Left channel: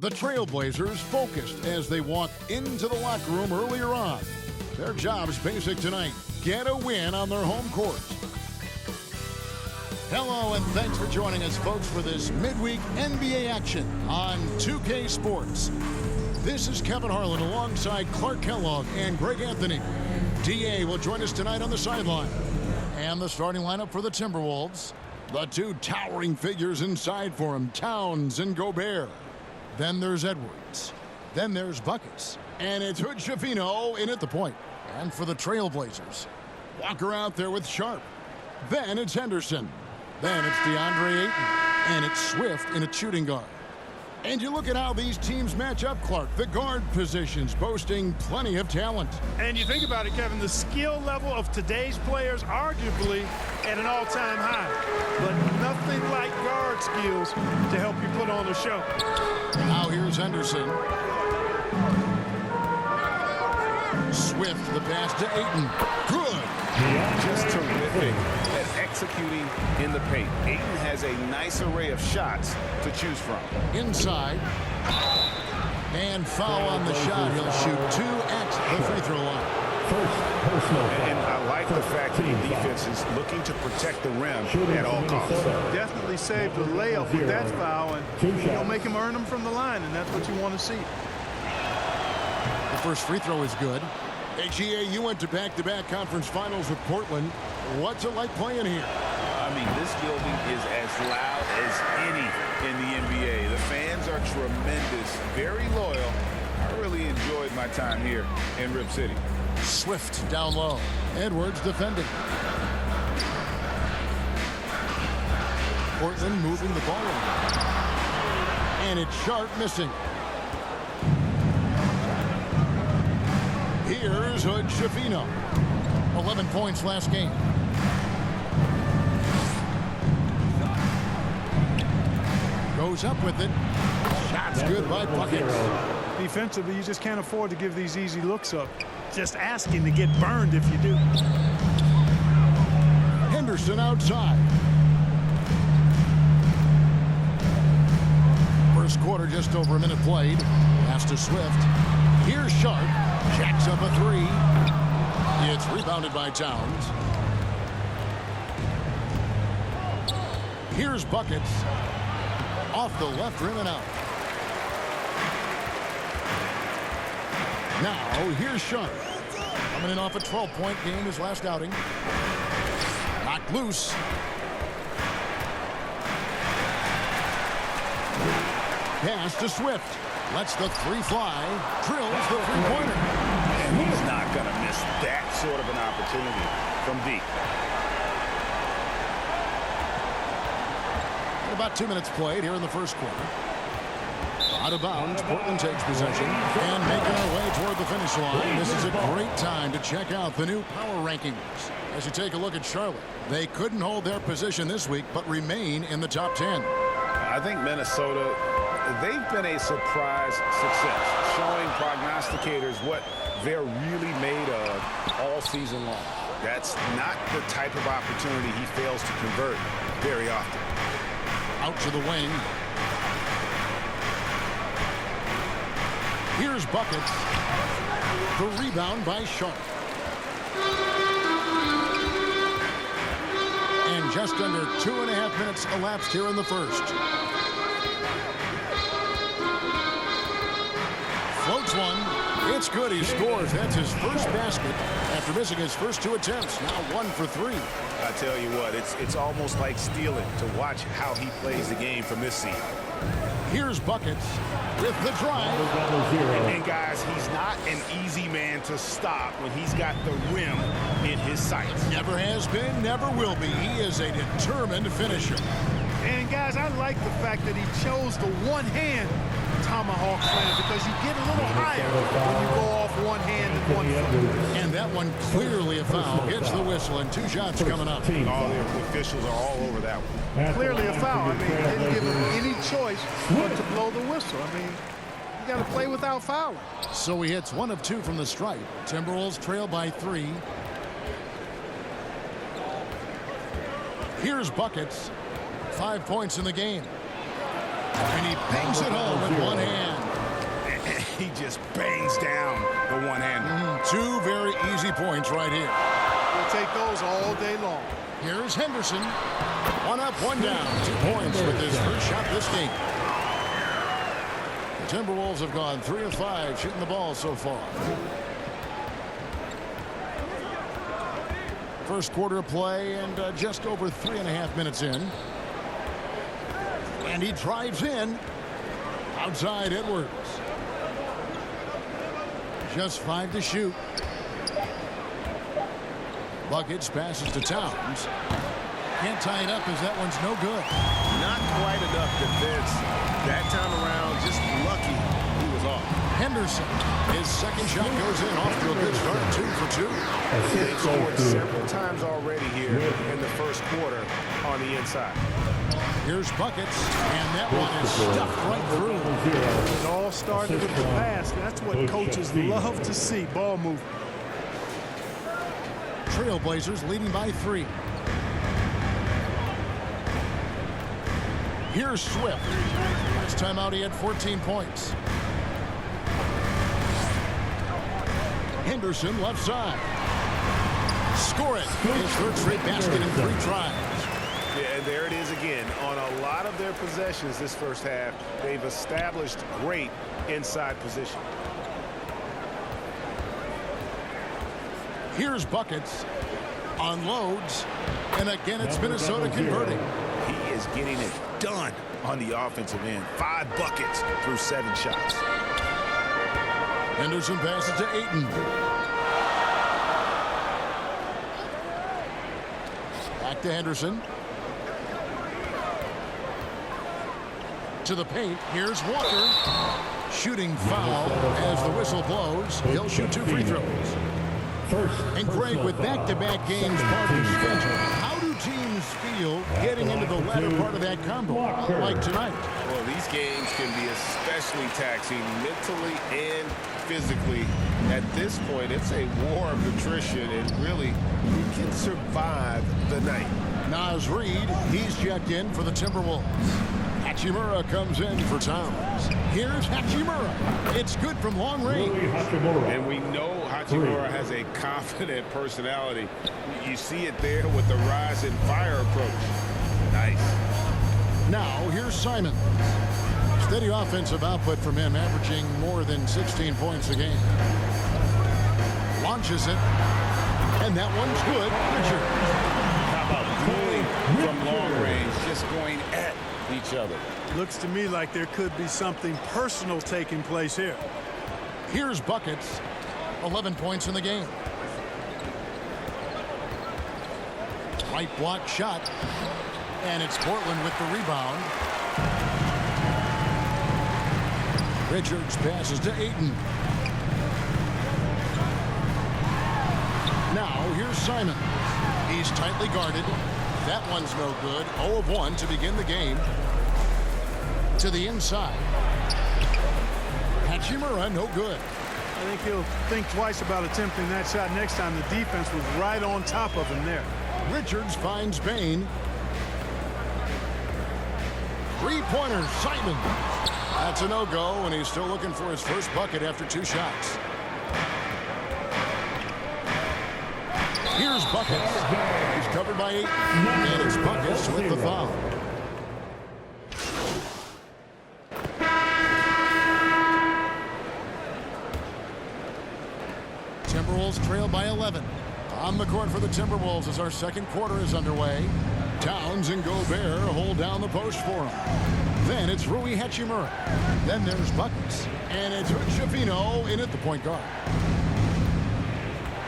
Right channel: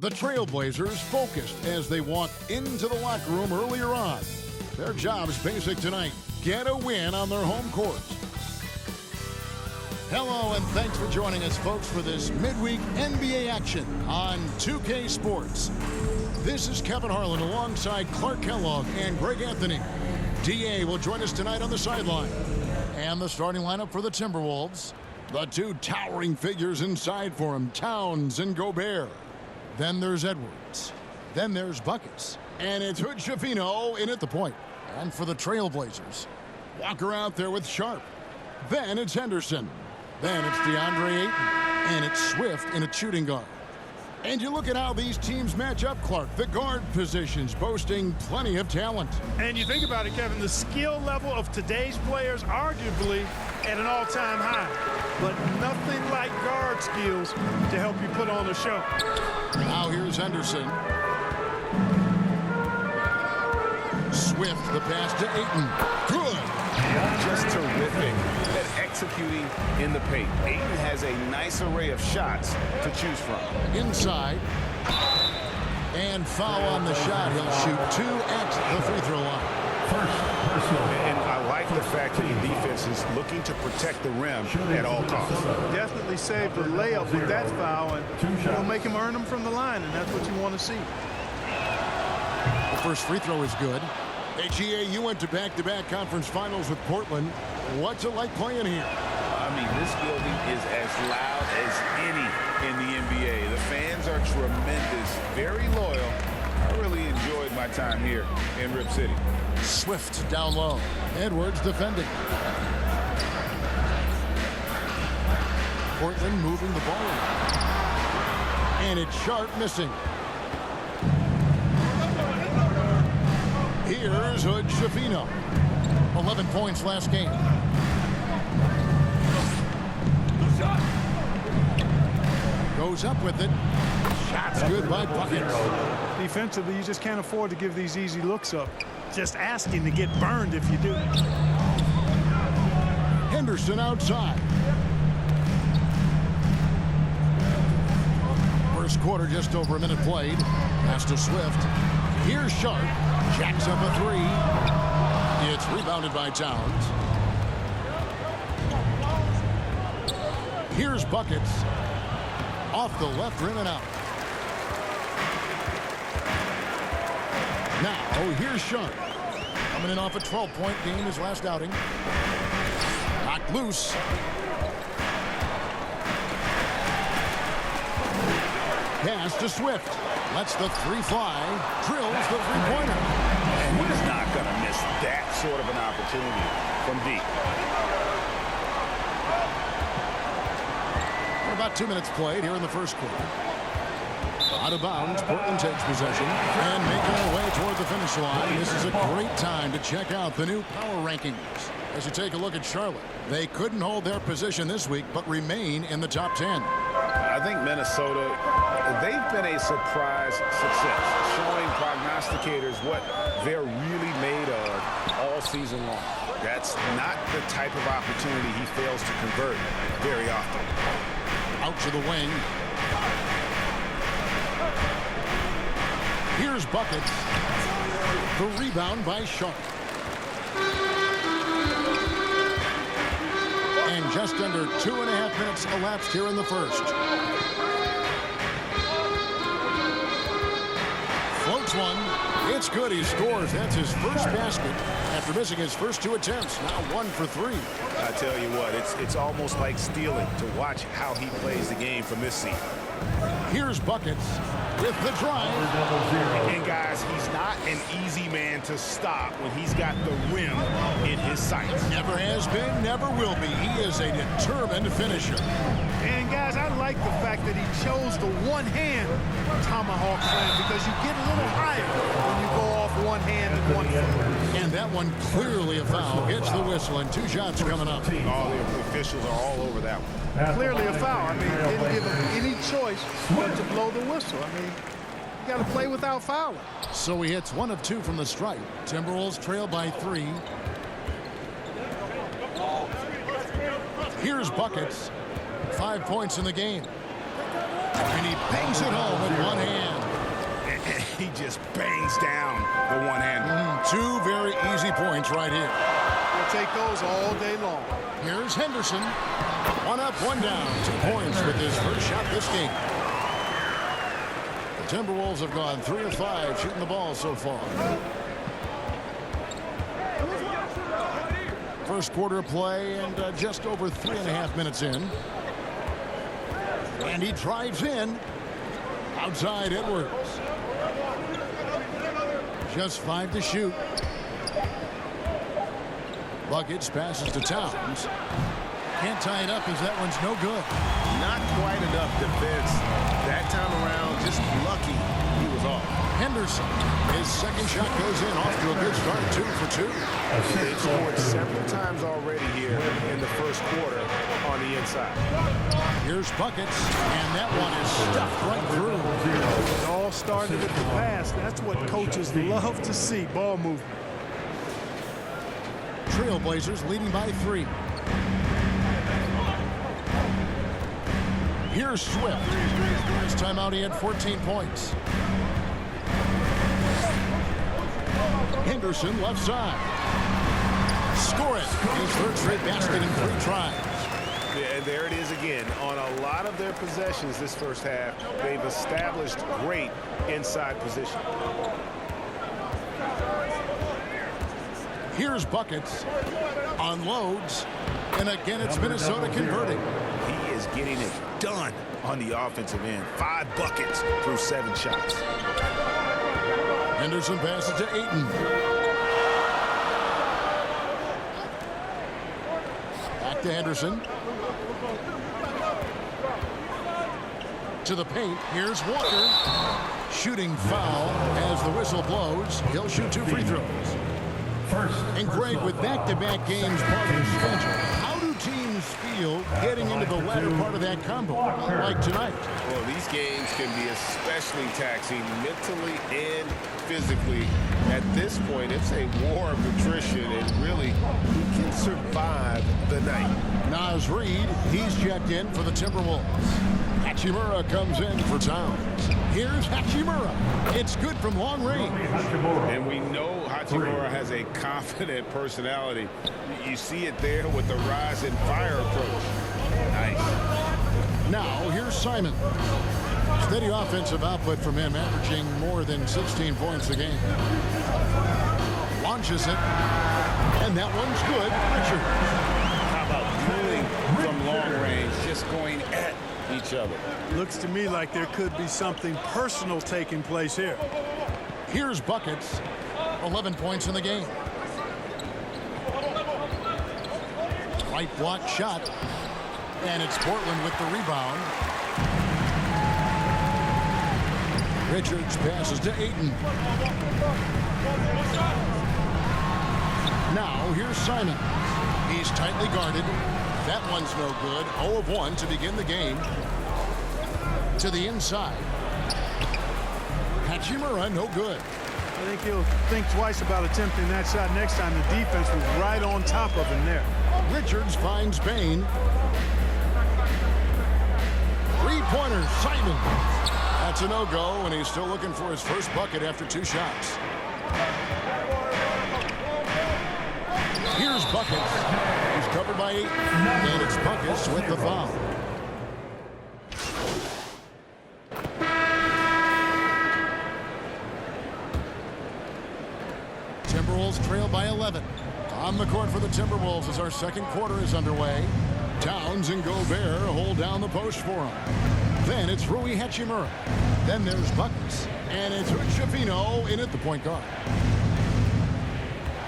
The Trailblazers focused as they walk into the locker room earlier on. Their job is basic tonight. Get a win on their home court. Hello, and thanks for joining us, folks, for this midweek NBA action on 2K Sports. This is Kevin Harlan alongside Clark Kellogg and Greg Anthony. DA will join us tonight on the sideline. And the starting lineup for the Timberwolves. The two towering figures inside for him, Towns and Gobert. Then there's Edwards. Then there's Buckets. And it's Hood-Schifino in at the point. And for the Trailblazers, Walker out there with Sharp. Then it's Henderson. Then it's DeAndre Ayton. And it's Swift in a shooting guard. And you look at how these teams match up, Clark. The guard positions boasting plenty of talent. And you think about it, Kevin, the skill level of today's players arguably at an all-time high. But nothing like guard skills to help you put on a show. Now here's Henderson. Swift, the pass to Ayton. Good. Just terrific at executing in the paint. Ayton has a nice array of shots to choose from. Inside. And foul on the shot. He'll shoot two at the free throw line. And I like the fact that the defense is looking to protect the rim at all costs. Definitely saved the layup with that foul, and make him earn them from the line, and that's what you want to see. The first free throw is good. Hey, GA, you went to back-to-back conference finals with Portland. What's it like playing here? I mean, this building is as loud as any in the NBA. The fans are tremendous, very loyal. I really enjoyed my time here in Rip City. Swift down low. Edwards defending. Portland moving the ball around. And it's Sharp missing. Here's Hood-Schifino. 11 points last game. Goes up with it. Shot's good by Buckets. Defensively, you just can't afford to give these easy looks up. Just asking to get burned if you do. Henderson outside. First quarter, just over a minute played. Pass to Swift. Here's Sharp. Jacks up a three. It's rebounded by Towns. Here's Buckets. Off the left rim and out. Now, here's Sharp. Coming in off a 12-point game his last outing. Knocked loose. Pass to Swift. Lets the three fly. Drills the three-pointer. And he's not going to miss that sort of an opportunity from deep. And about 2 minutes played here in the first quarter. Out of bounds, Portland takes possession. And making our way toward the finish line. This is a great time to check out the new power rankings. As you take a look at Charlotte, they couldn't hold their position this week, but remain in the top 10. I think Minnesota, they've been a surprise success, showing prognosticators what they're really made of all season long. That's not the type of opportunity he fails to convert very often. Out to the wing. Here's Buckets. The rebound by Sharp. And just under 2.5 minutes elapsed here in the first. Floats one. It's good. He scores. That's his first basket after missing his first two attempts. Now 1 for 3. I tell you what, it's almost like stealing to watch how he plays the game from this seat. Here's Buckets with the drive. And guys, he's not an easy man to stop when he's got the rim in his sights. Never has been, never will be. He is a determined finisher. And guys, I like the fact that he chose the one-hand tomahawk slam because you get a little higher when you go off one hand and 1 foot. And that one clearly a foul. Hits the whistle, and 2 shots coming up. All the officials are all over that one. Clearly a foul. I mean, didn't give him any choice but to blow the whistle. I mean, you got to play without fouling. So he hits 1 of 2 from the stripe. Timberwolves trail by 3. Here's Buckets. 5 points in the game. And he bangs it home with one hand. He just bangs down the one-hander. Two very easy points right here. We'll take those all day long. Here's Henderson. One up, one down. 2 points with his first shot this game. The Timberwolves have gone 3 of 5 shooting the ball so far. First quarter of play and just over 3.5 minutes in. And he drives in. Outside Edwards. Just 5 to shoot. Buckets passes to Towns. Can't tie it up as that one's no good. Not quite enough defense that time around. Just lucky he was off. Henderson, his second shot goes in, off to a good start, 2 for 2. They've scored several times already here in the first quarter on the inside. Here's Buckets, and that one is stuffed right through. It all started with the pass. That's what coaches love to see, ball movement. Trailblazers leading by 3. Here's Swift. Last time out he had 14 points. Henderson left side. Score it. His third straight basket in 3 tries. Yeah, and there it is again. On a lot of their possessions this first half, they've established great inside position. Here's Buckets. Unloads. And again, it's Minnesota converting. He is getting it done on the offensive end. 5 buckets through 7 shots. Henderson passes to Ayton. Back to Henderson. To the paint. Here's Walker. Shooting foul as the whistle blows. He'll shoot 2 free throws. And Greg, with back-to-back games part of the schedule, how do teams feel getting into the latter part of that combo, like tonight? Well, these games can be especially taxing mentally and physically. At this point, it's a war of attrition, and really, who can survive the night? Naz Reid, he's checked in for the Timberwolves. Hachimura comes in for Towns. Here's Hachimura. It's good from long range. And we know Hachimura has a confident personality. You see it there with the rise and fire approach. Nice. Now, here's Simon. Steady offensive output from him, averaging more than 16 points a game. Launches it. And that one's good. Richards. How about dueling from long range, just going at each other? Looks to me like there could be something personal taking place here. Here's Buckets. 11 points in the game. Right block shot. And it's Portland with the rebound. Richards passes to Ayton. Now here's Simon. He's tightly guarded. That one's no good. 0 of 1 to begin the game. To the inside. Hachimura, no good. I think he'll think twice about attempting that shot next time. The defense was right on top of him there. Richards finds Bain. Three-pointer, Simon. That's a no-go, and he's still looking for his first bucket after 2 shots. Here's Buckets. He's covered by 8. And it's Buckets with the foul. Timberwolves trail by 11. On the court for the Timberwolves as our second quarter is underway. Towns and Gobert hold down the post for him. Then it's Rui Hachimura. Then there's Buckets. And it's Chavino in at the point guard.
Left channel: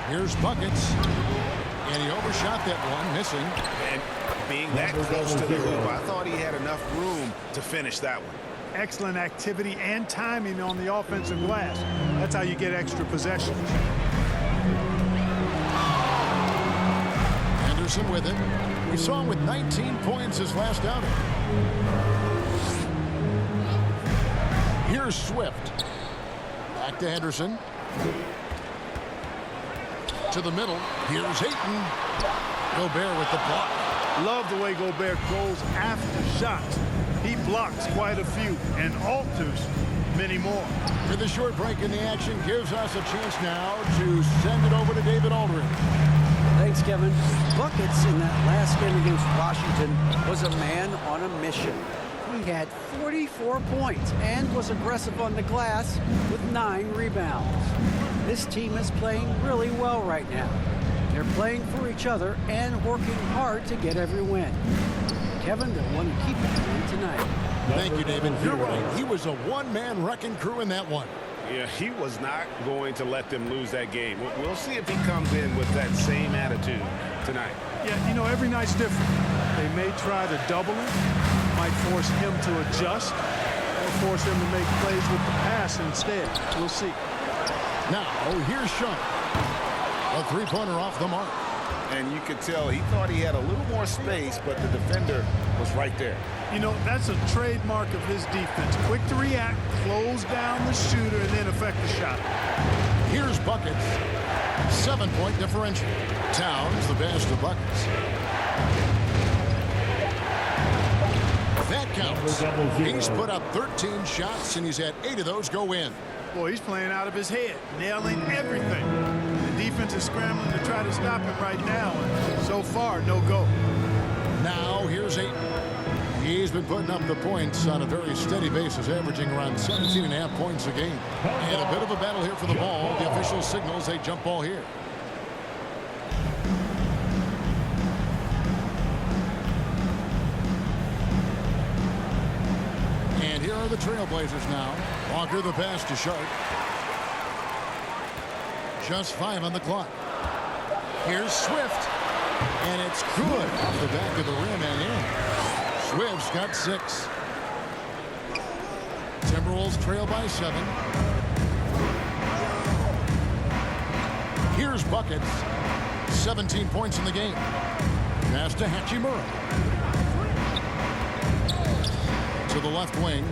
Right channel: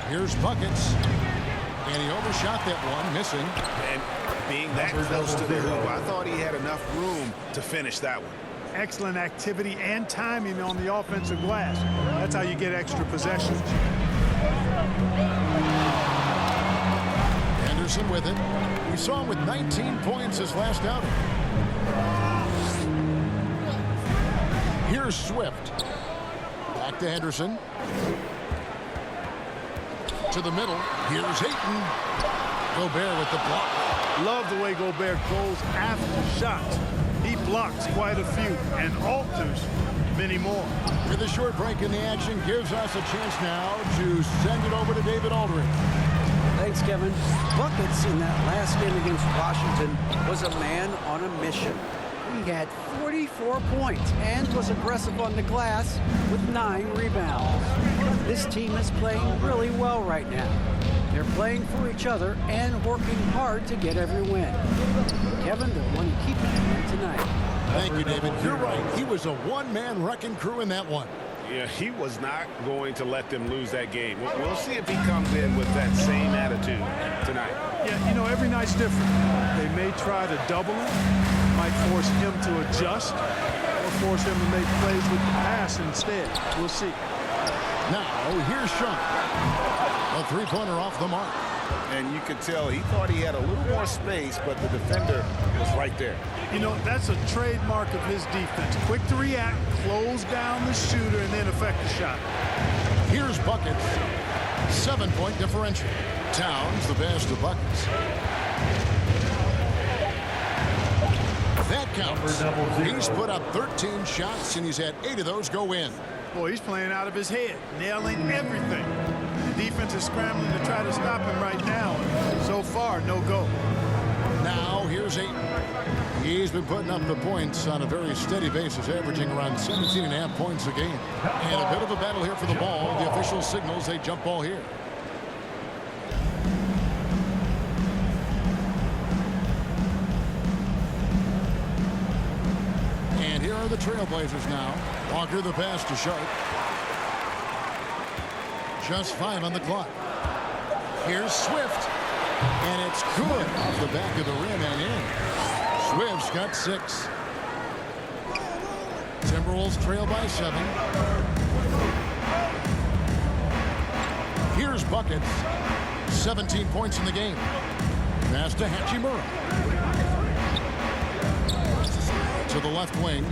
Here's Buckets. And he overshot that one, missing. And being that close to the hoop, I thought he had enough room to finish that one. Excellent activity and timing on the offensive glass. That's how you get extra possessions. Henderson with it. We saw him with 19 points his last outing. Here's Swift. Back to Henderson. To the middle. Here's Ayton. Gobert with the block. Love the way Gobert goes after shots. He blocks quite a few and alters many more. With a short break in the action gives us a chance now to send it over to David Aldridge. Thanks, Kevin. Buckets in that last game against Washington was a man on a mission. He had 44 points and was aggressive on the glass with 9 rebounds. This team is playing really well right now. They're playing for each other and working hard to get every win. Kevin, they'll want to keep it going tonight. Thank you, David. You're right. He was a one-man wrecking crew in that one. Yeah, he was not going to let them lose that game. We'll see if he comes in with that same attitude tonight. Yeah, you know, every night's different. They may try to double him, might force him to adjust, or force him to make plays with the pass instead. We'll see. Now, here's Sean. A three-pointer off the mark. And you could tell he thought he had a little more space, but the defender was right there. You know, that's a trademark of his defense. Quick to react, close down the shooter, and then affect the shot. Here's Buckets. 7-point differential. Towns the best of Buckets. That counts. He's put up 13 shots, and he's had 8 of those go in. Boy, he's playing out of his head, nailing everything. The defense is scrambling to try to stop him right now, and so far, no go. Now, here's Ayton. He's been putting up the points on a very steady basis, averaging around 17.5 points a game. And a bit of a battle here for the ball. The official signals a jump ball here. And here are the Trailblazers now. Walker the pass to Sharp. Just 5 on the clock. Here's Swift. And it's good off the back of the rim and in. Swift's got 6. Timberwolves trail by 7. Here's Buckets. 17 points in the game. Pass to Hachimura. To the left wing.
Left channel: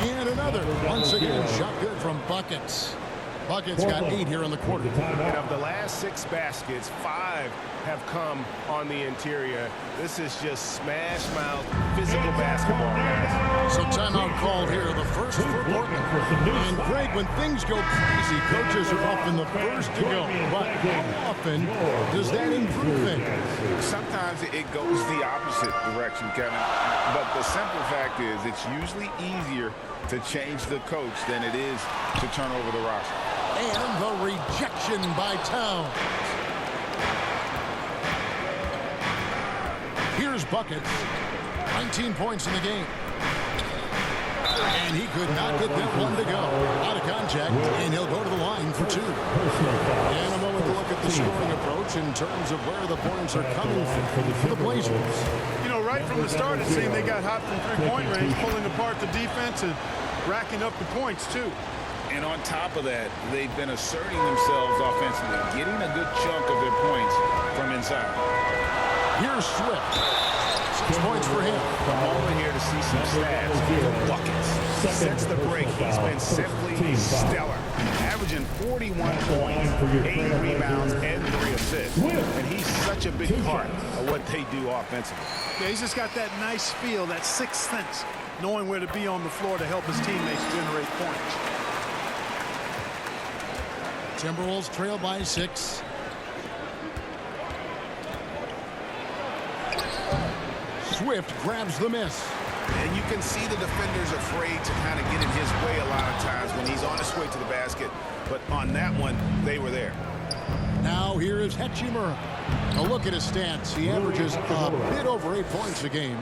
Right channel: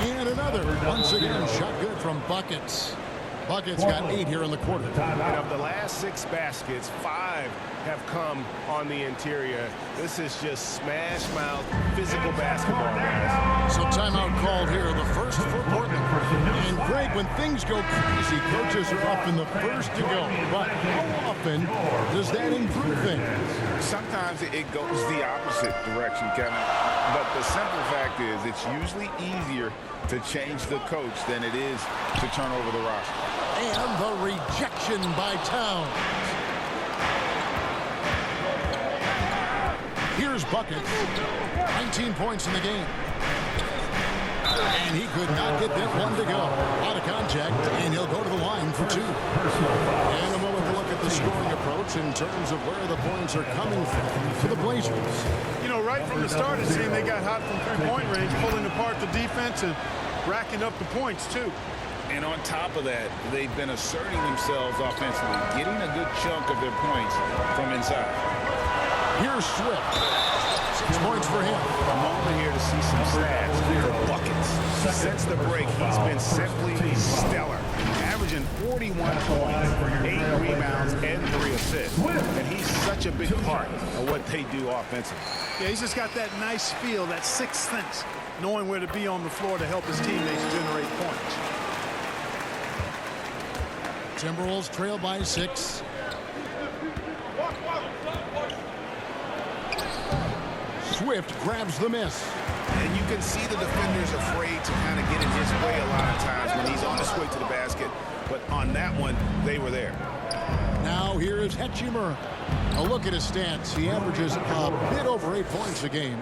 And another. Once again, shot good from Buckets. Buckets got 8 here in the quarter. And of the last 6 baskets, 5 have come on the interior. This is just smash-mouth physical basketball, guys. So timeout called here, the first for Portland. And Greg, when things go crazy, coaches are often the first to go. But how often does that improve things? Sometimes it goes the opposite direction, Kevin. But the simple fact is it's usually easier to change the coach than it is to turn over the roster. And the rejection by Towns. Here's Buckets. 19 points in the game. And he could not get that one to go. Out of contact, and he'll go to the line for 2. In a moment to look at the scoring approach in terms of where the points are coming from for the Blazers. You know, right from the start, it seemed they got hot from three-point range, pulling apart the defense and racking up the points, too. And on top of that, they've been asserting themselves offensively, getting a good chunk of their points from inside. Here's Swift. 6 points for him. I'm only here to see some stats for Buckets. Since the break, he's been simply stellar, averaging 41 points, 8 rebounds, and 3 assists. And he's such a big part of what they do offensively. Yeah, he's just got that nice feel, that sixth sense, knowing where to be on the floor to help his teammates generate points. Timberwolves trail by 6. Swift grabs the miss. And you can see the defenders afraid to kind of get in his way a lot of times when he's on his way to the basket. But on that one, they were there. Now here is Hachimura. A look at his stats. He averages a bit over 8 points a game.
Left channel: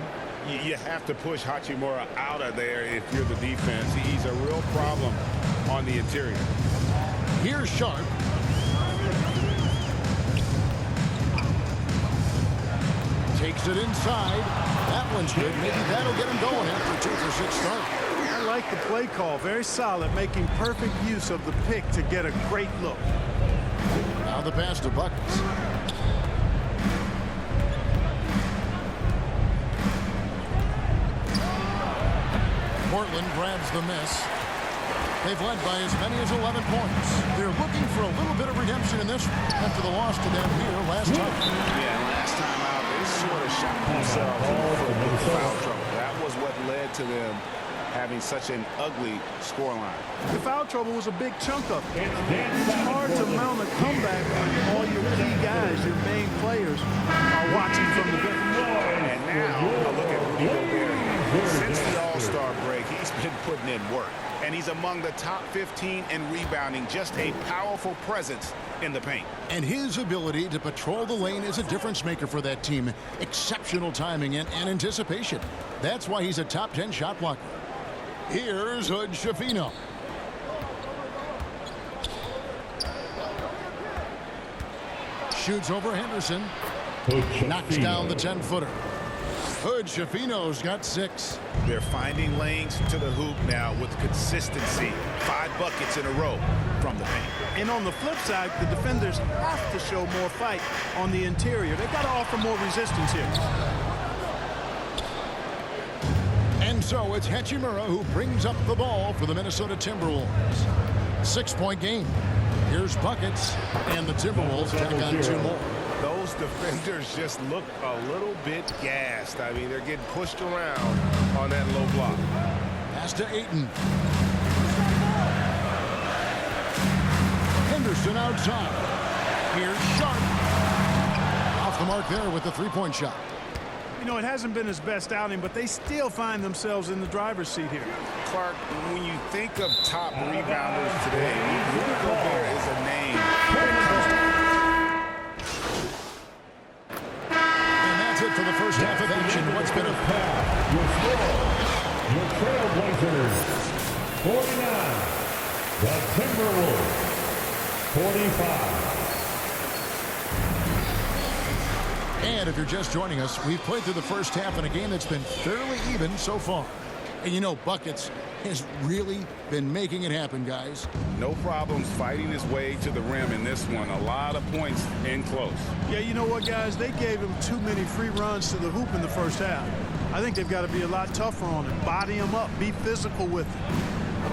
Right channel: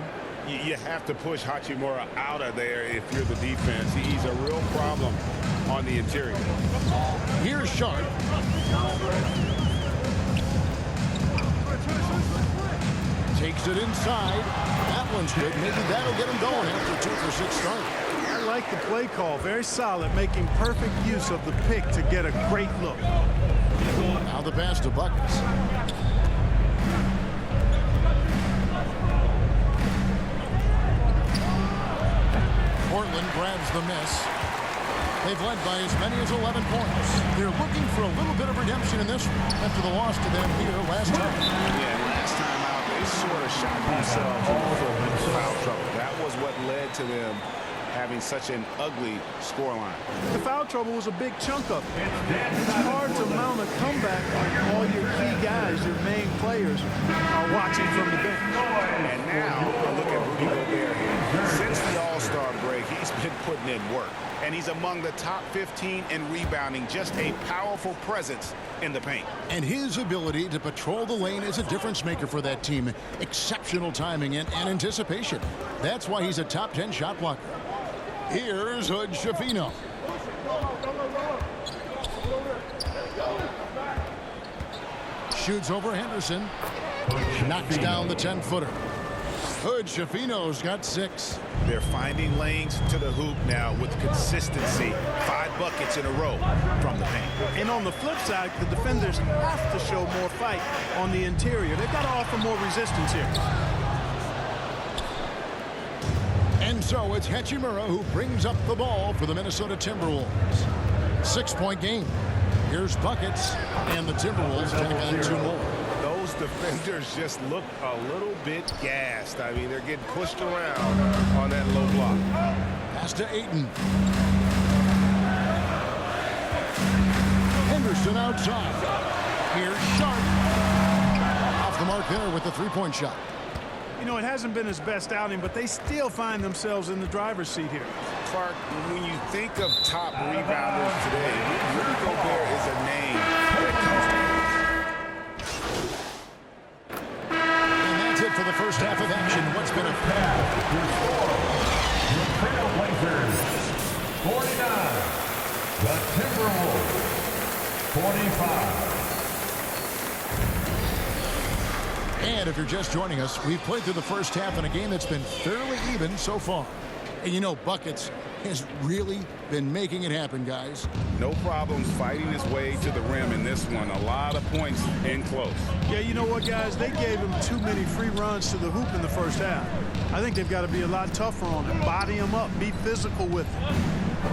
You have to push Hachimura out of there if you're the defense. He's a real problem on the interior. Here's Sharp. Takes it inside. That one's good. Maybe that'll get him going after a 2-for-6 start. I like the play call. Very solid, making perfect use of the pick to get a great look. Now the pass to Buckets. Portland grabs the miss. They've led by as many as 11 points. They're looking for a little bit of redemption in this after the loss to them here last time. Yeah, and last time out, they sort of shot themselves in the foot with foul trouble. That was what led to them having such an ugly scoreline. The foul trouble was a big chunk of it. It's hard to mount a comeback when all your key guys, your main players, are watching from the bench. And now, a look at Rudy Gobert here. Since the All-Star break, he's been putting in work. And he's among the top 15 in rebounding, just a powerful presence in the paint. And his ability to patrol the lane is a difference maker for that team. Exceptional timing and anticipation. That's why he's a top 10 shot blocker. Here's Hood Schifino. Shoots over Henderson. Knocks down the 10-footer. Hood Schifino's got 6. They're finding lanes to the hoop now with consistency. 5 buckets in a row from the paint. And on the flip side, the defenders have to show more fight on the interior. They've got to offer more resistance here. And so it's Hachimura who brings up the ball for the Minnesota Timberwolves. 6-point game. Here's buckets, and the Timberwolves tack on 2 more. Those defenders just look a little bit gassed. I mean, they're getting pushed around on that low block. Pass to Ayton. Henderson outside. Here's Sharp. Off the mark there with the 3-point shot. You know, it hasn't been his best outing, but they still find themselves in the driver's seat here. Clark, when you think of top rebounders today, Rudy Gobert is a name that comes to mind. And that's it for the first half of action. What's been a pass? Your score, the Trailblazers, 49. The Timberwolves, 45. And if you're just joining us, we've played through the first half in a game that's been fairly even so far. And you know, Buckets has really been making it happen, guys. No problems fighting his way to the rim in this one. A lot of points in close. Yeah, you know what, guys? They gave him too many free runs to the hoop in the first half. I think they've got to be a lot tougher on him. Body him up. Be physical with him.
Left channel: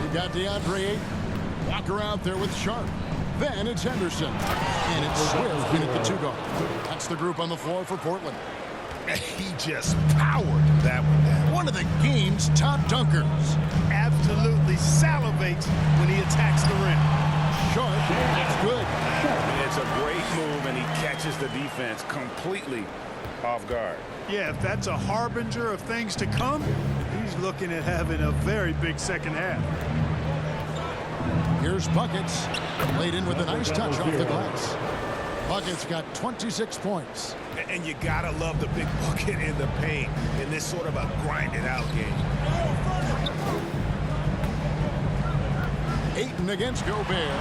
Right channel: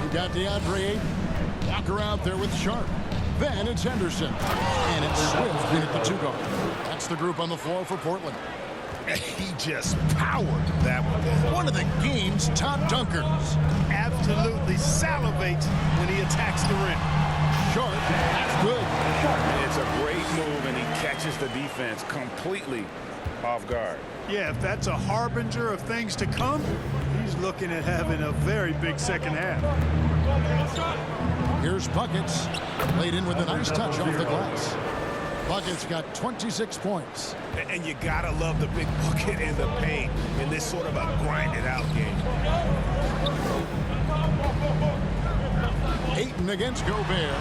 You got DeAndre Ayton. Walker out there with Sharp. Then it's Henderson. And it's Swift in at the 2 guard. That's the group on the floor for Portland. He just powered that one down. One of the game's top dunkers. Absolutely salivates when he attacks the rim. Sharp, that's good. It's a great move, and he catches the defense completely off guard. Yeah, if that's a harbinger of things to come, he's looking at having a very big second half. Here's Buckets. Laid in with a nice touch off the glass. Buckets got 26 points. And you gotta love the big bucket in the paint in this sort of a grinded-out game. Ayton against Gobert.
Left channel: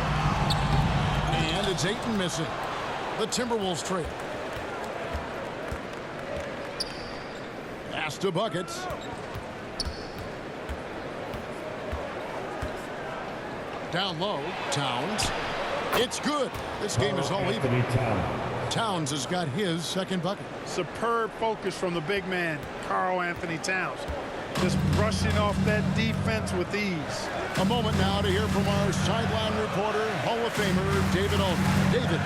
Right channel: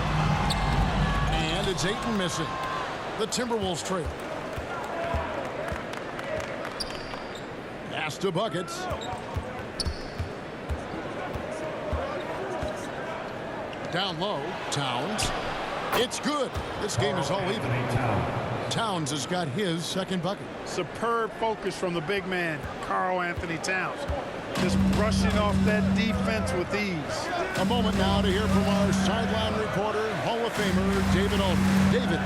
And it's Ayton missing. The Timberwolves trail. Pass to Buckets. Down low, Towns. It's good. This game is all even. Towns has got his second bucket. Superb focus from the big man, Karl Anthony Towns. Just brushing off that defense with ease. A moment now to hear from our sideline reporter, Hall of Famer, David Aldridge. David.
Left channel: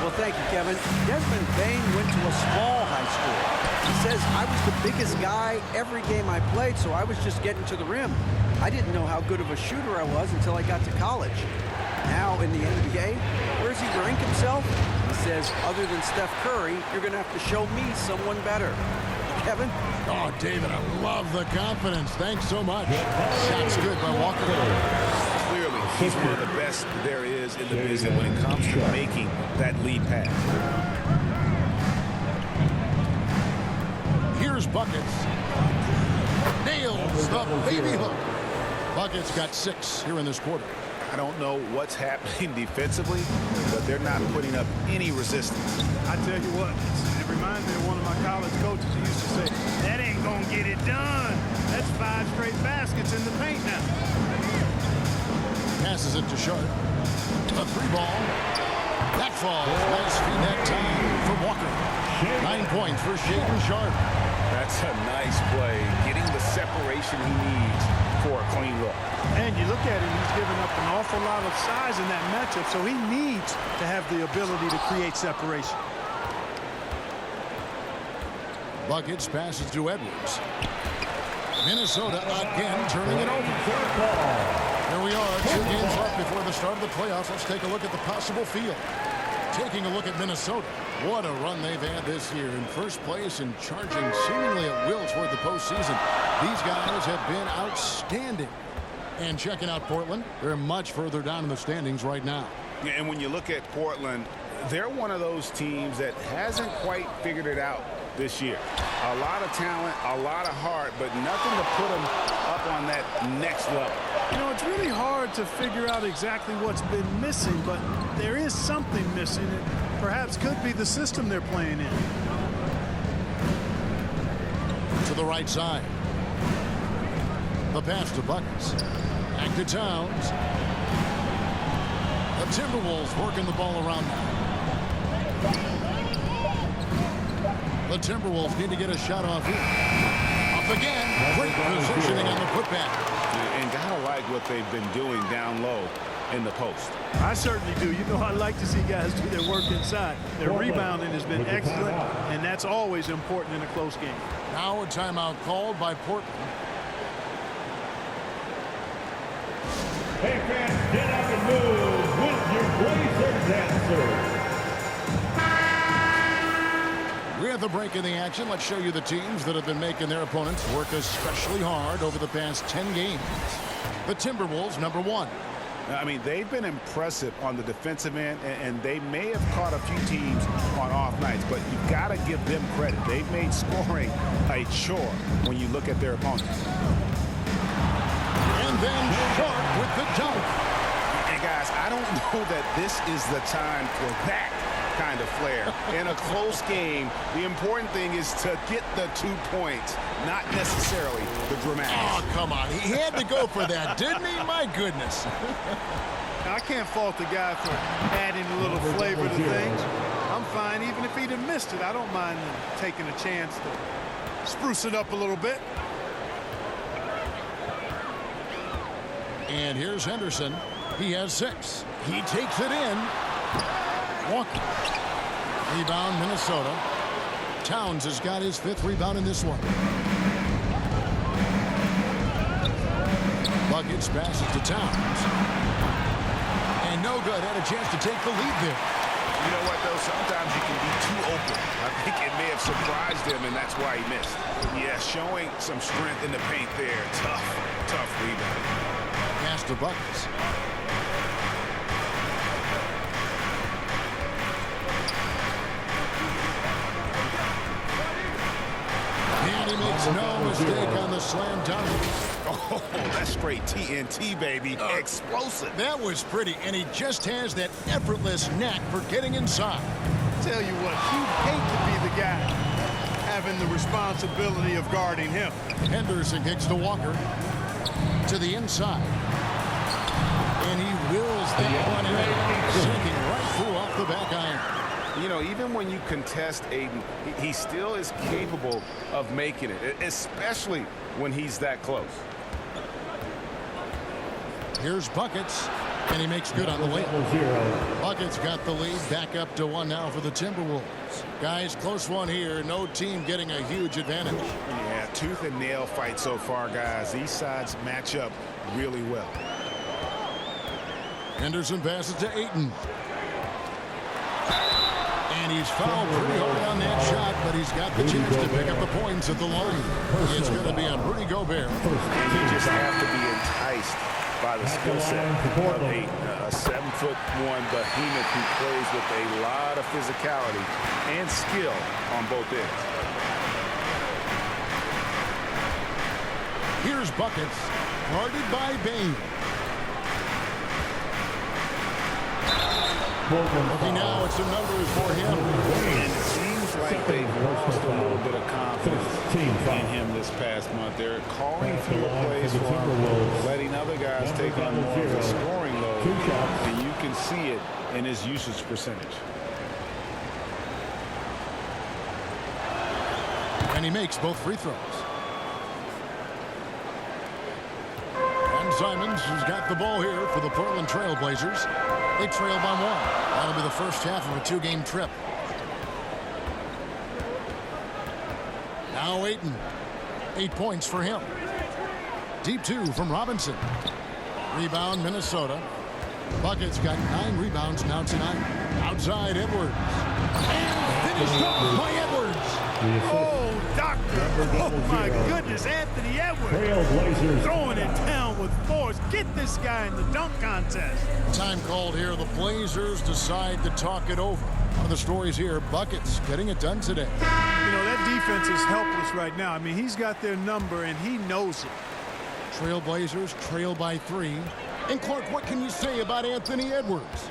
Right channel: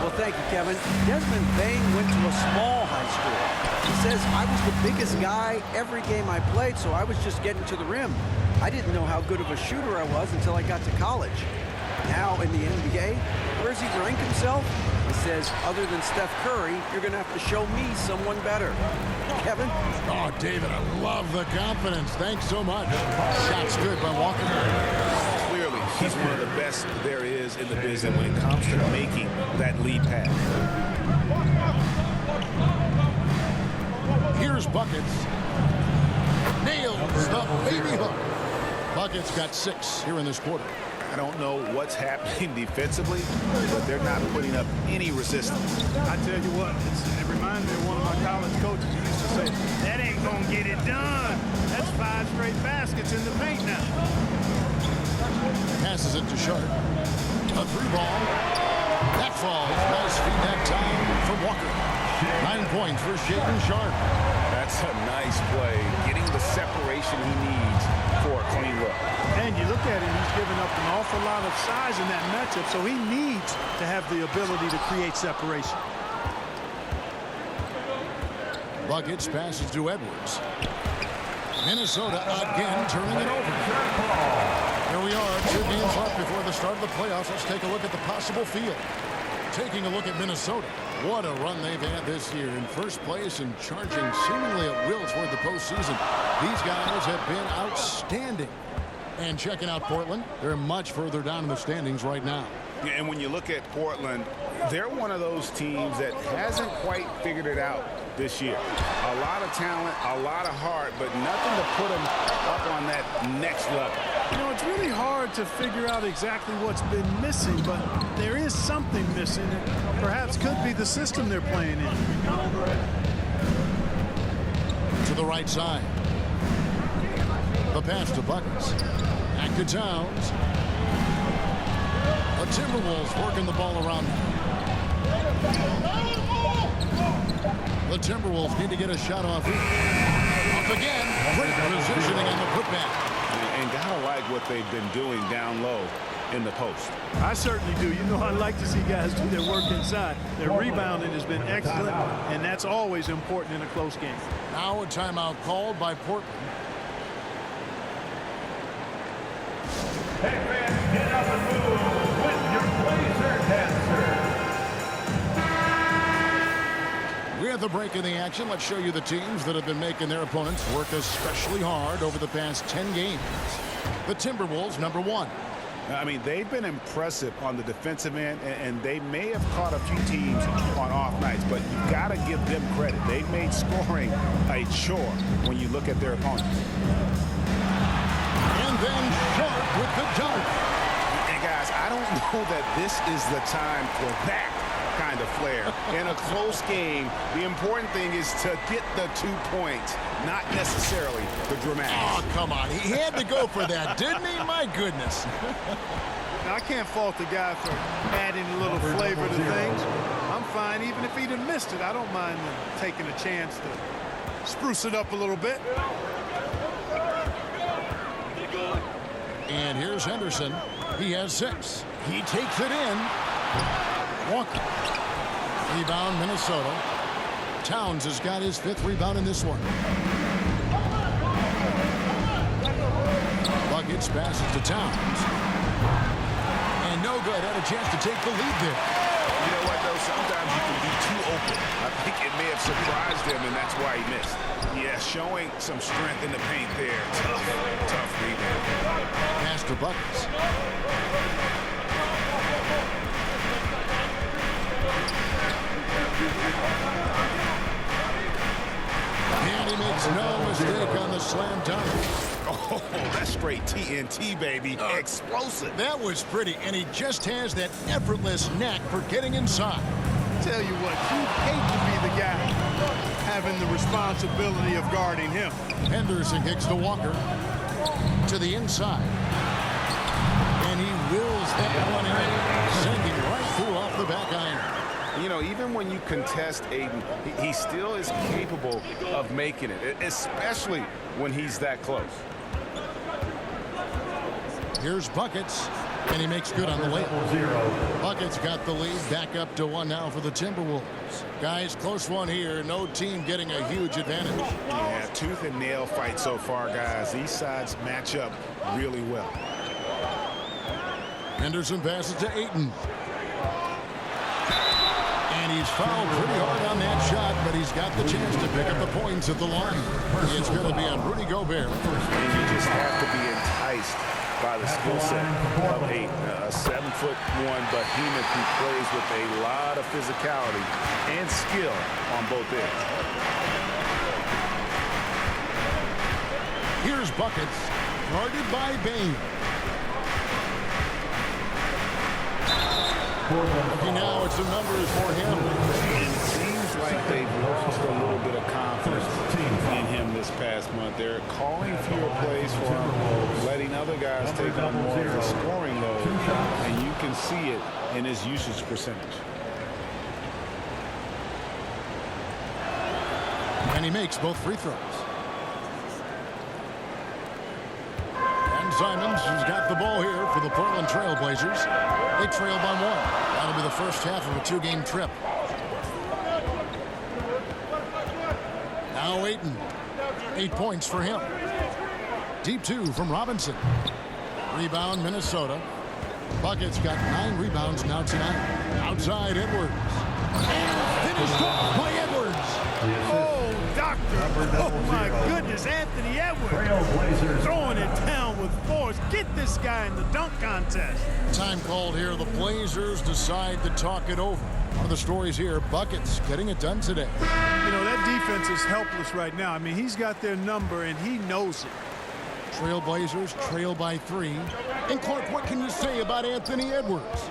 Well, thank you, Kevin. Desmond Bain went to a small high school. He says, I was the biggest guy every game I played, so I was just getting to the rim. I didn't know how good of a shooter I was until I got to college. Now in the NBA, where does he rank himself? He says, other than Steph Curry, you're going to have to show me someone better. Kevin? Oh, David, I love the confidence. Thanks so much. Shot's good by Walker. Clearly, he's one of the best there is in the business when it comes to making that lead pass. Here's Buckets. Nails the baby hook. Buckets got 6 here in this quarter. I don't know what's happening defensively, but they're not putting up any resistance. I tell you what, it reminds me of one of my college coaches who used to say, that ain't going to get it done. That's 5 straight baskets in the paint now. Passes it to Sharp. A 3-ball. That falls. Nice feed that time from Walker. 9 points for Shaedon Sharp. That's a nice play, getting the separation he needs for a clean look. And you look at him, he's given up an awful lot of size in that matchup, so he needs to have the ability to create separation. Buckets passes to Edwards. Minnesota again turning it over. Here we are, 2 games left before the start of the playoffs. Let's take a look at the possible field. Taking a look at Minnesota. What a run they've had this year. In first place and charging seemingly at will toward the postseason. These guys have been outstanding. And checking out Portland, they're much further down in the standings right now. Yeah, and when you look at Portland, they're one of those teams that hasn't quite figured it out this year. A lot of talent, a lot of heart, but nothing to put them up on that next level. You know, it's really hard to figure out exactly what's been missing, but there is something missing. It perhaps could be the system they're playing in. To the right side. The pass to Buckets. Back to Towns. The Timberwolves working the ball around now. The Timberwolves need to get a shot off here. Up again. Great positioning on the putback. And gotta like what they've been doing down low in the post. I certainly do. You know, I like to see guys do their work inside. Their rebounding has been excellent, and that's always important in a close game. Now a timeout called by Portland. Hey fans, get up and move with your Blazer dancers. We have the break in the action. Let's show you the teams that have been making their opponents work especially hard over the past 10 games. The Timberwolves, number 1. I mean, they've been impressive on the defensive end, and they may have caught a few teams on off nights, but you've got to give them credit. They've made scoring a chore when you look at their opponents. And then Sharp with the dunk. And guys, I don't know that this is the time for that kind of flair. In a close game, the important thing is to get the 2 points, not necessarily the dramatics. Oh, come on. He had to go for that, didn't he? My goodness. Now, I can't fault the guy for adding a little flavor to things. I'm fine. Even if he'd have missed it, I don't mind them taking a chance to spruce it up a little bit. And here's Henderson. He has 6. He takes it in. Walker. Rebound, Minnesota. Towns has got his 5th rebound in this one. Buckets passes to Towns. And no good. Had a chance to take the lead there. You know what, though? Sometimes you can be too open. I think it may have surprised him, and that's why he missed. Yeah, showing some strength in the paint there. Tough rebound. Pass to Buckets. And he makes no mistake on the slam dunk. Oh, that's straight TNT, baby. Explosive. That was pretty, and he just has that effortless knack for getting inside. Tell you what, you'd hate to be the guy having the responsibility of guarding him. Henderson kicks to Walker. To the inside. And he wills that one in, sinking right through off the back iron. You know, even when you contest Aiden, he still is capable of making it, especially when he's that close. Here's Buckets, and he makes good on the layup. Buckets got the lead, back up to 1 now for the Timberwolves. Guys, close one here. No team getting a huge advantage. Yeah, tooth and nail fight so far, guys. These sides match up really well. Henderson passes to Ayton. And he's fouled pretty hard on that shot, but he's got the chance to pick up the points at the line. It's going to be on Rudy Gobert. And you just have to be enticed by the skill set of Ayton, a 7'1" behemoth who plays with a lot of physicality and skill on both ends. Here's Buckets, guarded by Bain. Okay, now it's the numbers for him. And it seems like they've lost a little bit of confidence in him this past month. They're calling fewer plays for him, letting other guys take on more of the scoring load, and you can see it in his usage percentage. And he makes both free throws. Simons has got the ball here for the Portland Trailblazers. They trail by 1. That'll be the first half of a 2-game trip. Now Ayton. 8 points for him. Deep 2 from Robinson. Rebound Minnesota. Bucket's got 9 rebounds now tonight. Outside Edwards. And finished off by Edwards. Oh, doctor. Oh, my goodness. Anthony Edwards. Trailblazers Throwing it down with force. Get this guy in the dunk contest. Time called here. The Blazers decide to talk it over. One of the stories here, Buckets getting it done today. You know, that defense is helpless right now. I mean, he's got their number, and he knows it. Trailblazers trail by 3. And Clark, what can you say about Anthony Edwards?